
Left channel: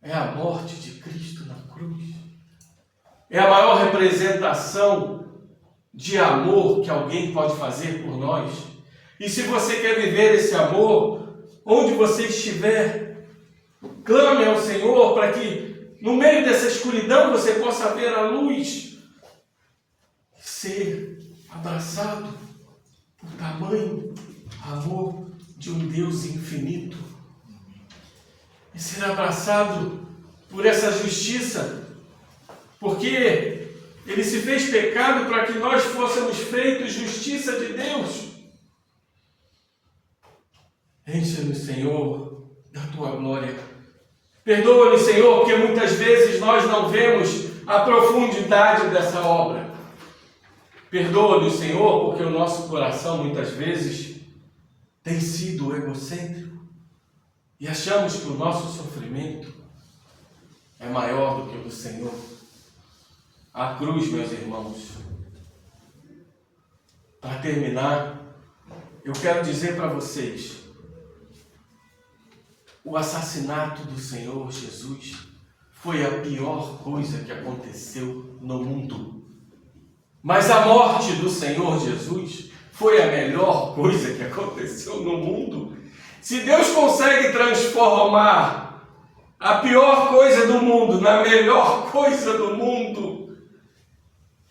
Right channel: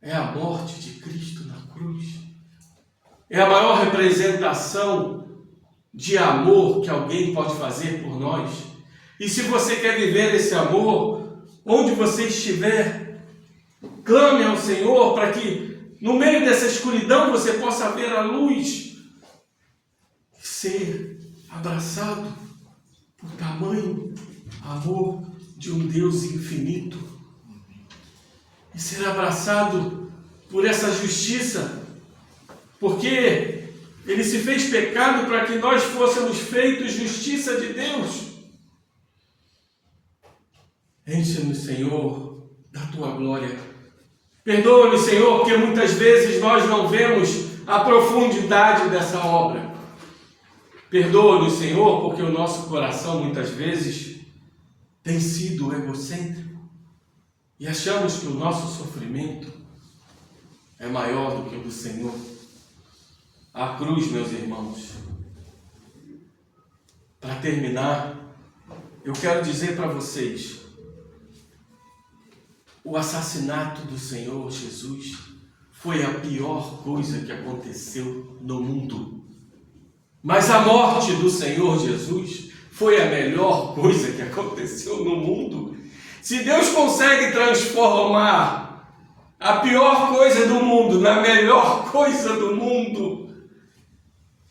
é a morte de Cristo na cruz. É a maior representação de amor que alguém pode fazer por nós. E se você quer viver esse amor, onde você estiver, clame ao Senhor para que no meio dessa escuridão você possa ver a luz, ser abraçado por tamanho amor de um Deus infinito, e ser abraçado por essa justiça, porque Ele se fez pecado para que nós fôssemos feitos justiça de Deus. Enche-nos, Senhor, da Tua glória. Perdoa-me, Senhor, porque muitas vezes nós não vemos a profundidade dessa obra. Perdoa-nos, Senhor, porque o nosso coração muitas vezes tem sido egocêntrico e achamos que o nosso sofrimento é maior do que o do Senhor. A cruz, meus irmãos. Para terminar, eu quero dizer para vocês, o assassinato do Senhor Jesus foi a pior coisa que aconteceu no mundo. Mas a morte do Senhor Jesus foi a melhor coisa que aconteceu no mundo. Se Deus consegue transformar a pior coisa do mundo na melhor coisa do mundo,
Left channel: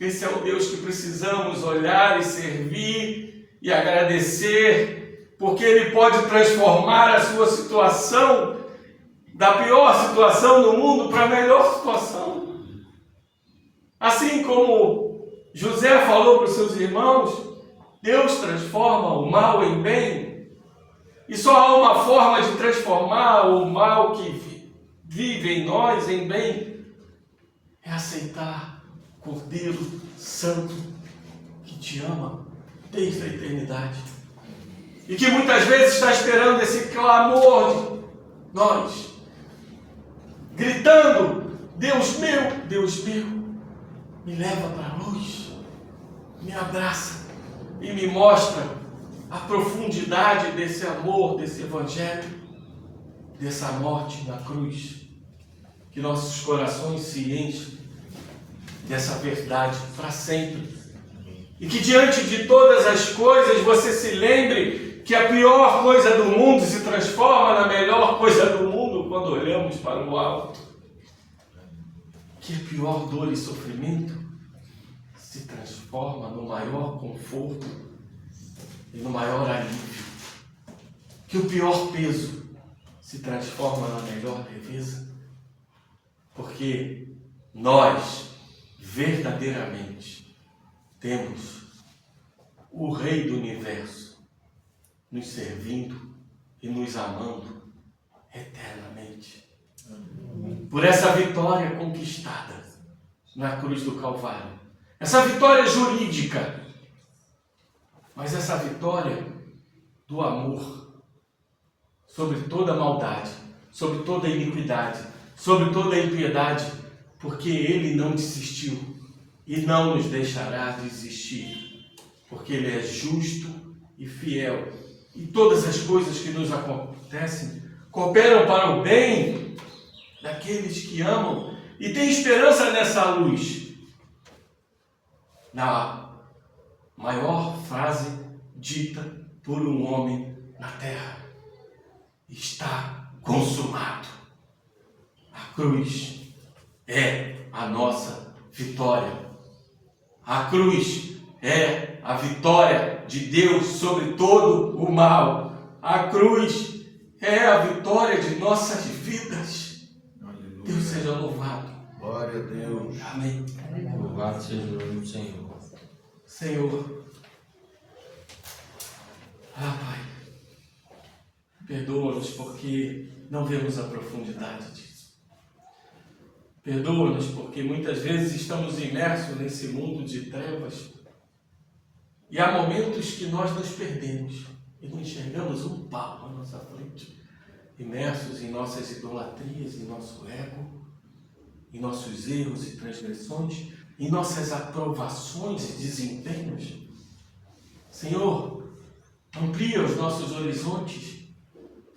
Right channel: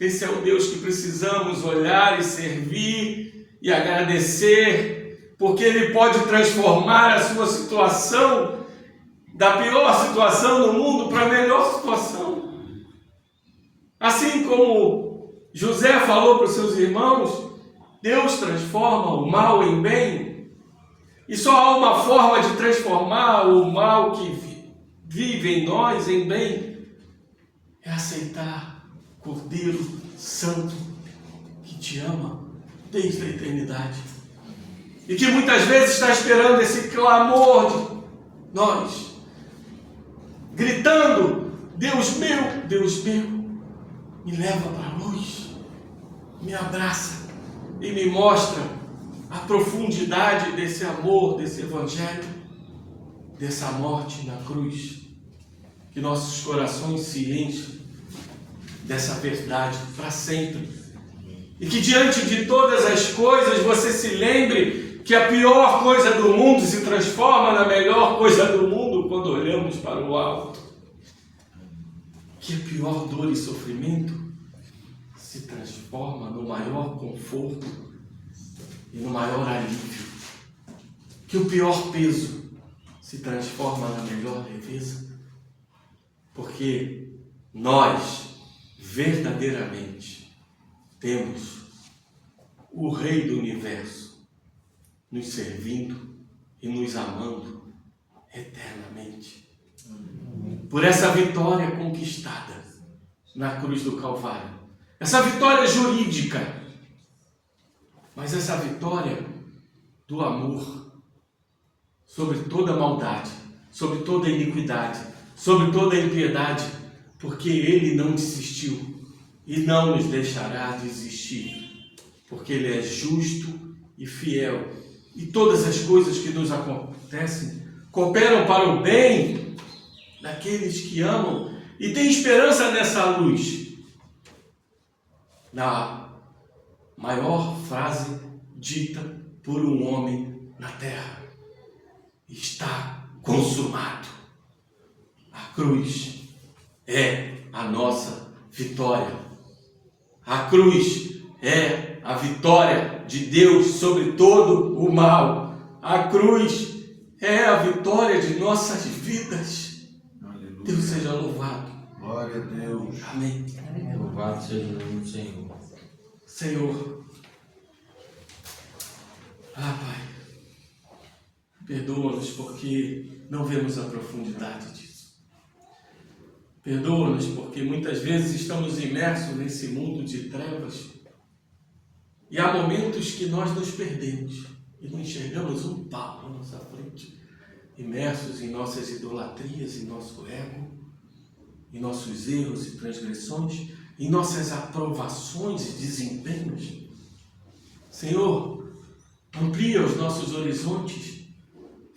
esse é o Deus que precisamos olhar e servir e agradecer, porque Ele pode transformar a sua situação da pior situação do mundo para a melhor situação. Assim como José falou para os seus irmãos, Deus transforma o mal em bem, e só há uma forma de transformar o mal que vive em nós em bem, é aceitar Cordeiro Santo que te ama desde a eternidade e que muitas vezes está esperando esse clamor de nós, gritando: Deus meu, me leva para a luz, me abraça e me mostra a profundidade desse amor, desse evangelho, dessa morte na cruz. Que nossos corações se enchem dessa verdade para sempre. E que diante de todas as coisas você se lembre que a pior coisa do mundo se transforma na melhor coisa do mundo quando olhamos para o alto. Que a pior dor e sofrimento se transforma no maior conforto e no maior alívio. Que o pior peso se transforma na melhor leveza. Porque nós, verdadeiramente, temos o Rei do Universo nos servindo e nos amando eternamente. Por essa vitória conquistada na cruz do Calvário. Essa vitória jurídica, mas essa vitória do amor sobre toda maldade, sobre toda iniquidade, sobre toda impiedade, porque Ele não desistiu e não nos deixará desistir, porque Ele é justo e fiel, e todas as coisas que nos acontecem cooperam para o bem daqueles que amam e têm esperança nessa luz. Na maior frase dita por um homem na terra: está consumado. A cruz é a nossa vitória. A cruz é a vitória de Deus sobre todo o mal. A cruz é a vitória de nossas vidas. Aleluia. Deus seja louvado. Glória a Deus. Amém. Louvado seja o nome do Senhor. Senhor, Pai, perdoa-nos porque não vemos a profundidade disso. Perdoa-nos porque muitas vezes estamos imersos nesse mundo de trevas e há momentos que nós nos perdemos e não enxergamos um pau à nossa frente, imersos em nossas idolatrias, em nosso ego, em nossos erros e transgressões, em nossas aprovações e desempenhos. Senhor, amplia os nossos horizontes,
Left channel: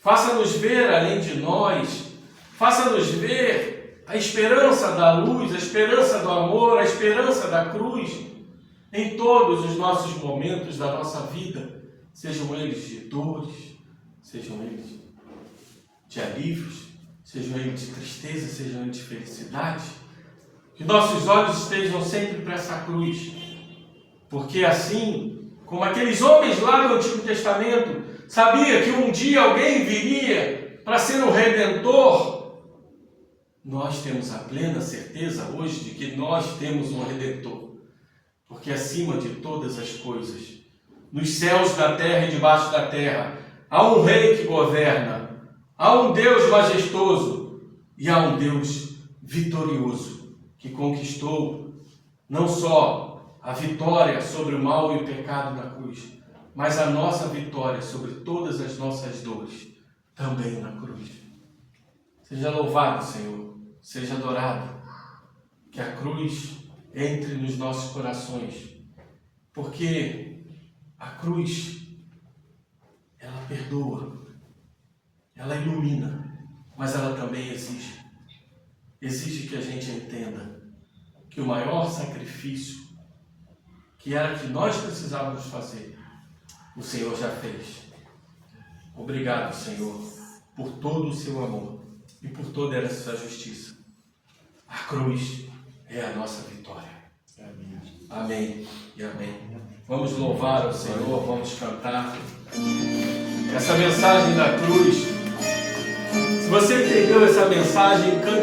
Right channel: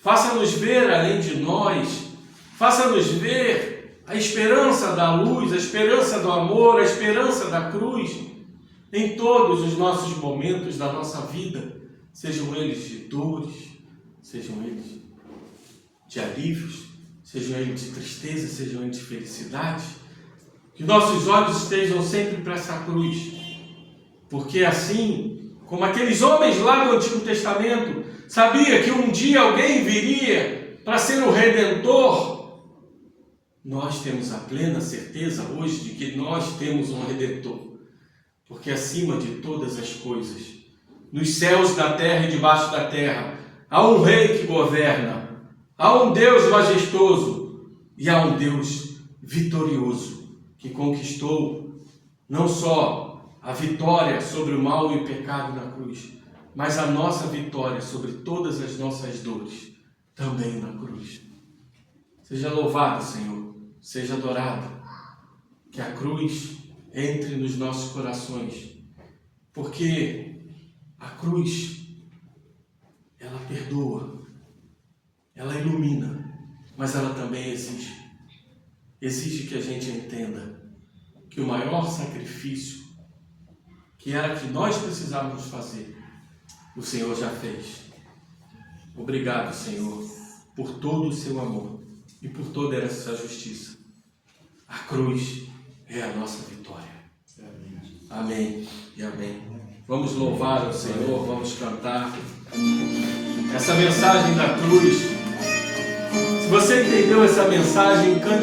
faça-nos ver além de nós, faça-nos ver a esperança da luz, a esperança do amor, a esperança da cruz em todos os nossos momentos da nossa vida, sejam eles de dores, sejam eles de alívios, sejam eles de tristeza, sejam eles de felicidade. Que nossos olhos estejam sempre para essa cruz, porque assim como aqueles homens lá do Antigo Testamento sabia que um dia alguém viria para ser o Redentor, nós temos a plena certeza hoje de que nós temos um Redentor, porque acima de todas as coisas, nos céus da terra e debaixo da terra, há um Rei que governa, há um Deus majestoso e há um Deus vitorioso que conquistou não só a vitória sobre o mal e o pecado na cruz, mas a nossa vitória sobre todas as nossas dores também na cruz. Seja louvado, Senhor. Seja adorado, que a cruz entre nos nossos corações, porque a cruz, ela perdoa, ela ilumina, mas ela também exige que a gente entenda que o maior sacrifício, que era que nós precisávamos fazer, o Senhor já fez. Obrigado, Senhor, por todo o seu amor e por toda essa justiça. A cruz é a nossa vitória. Amém e amém. Vamos louvar ao Senhor, vamos cantar essa mensagem da cruz. Se você entendeu essa mensagem, cante.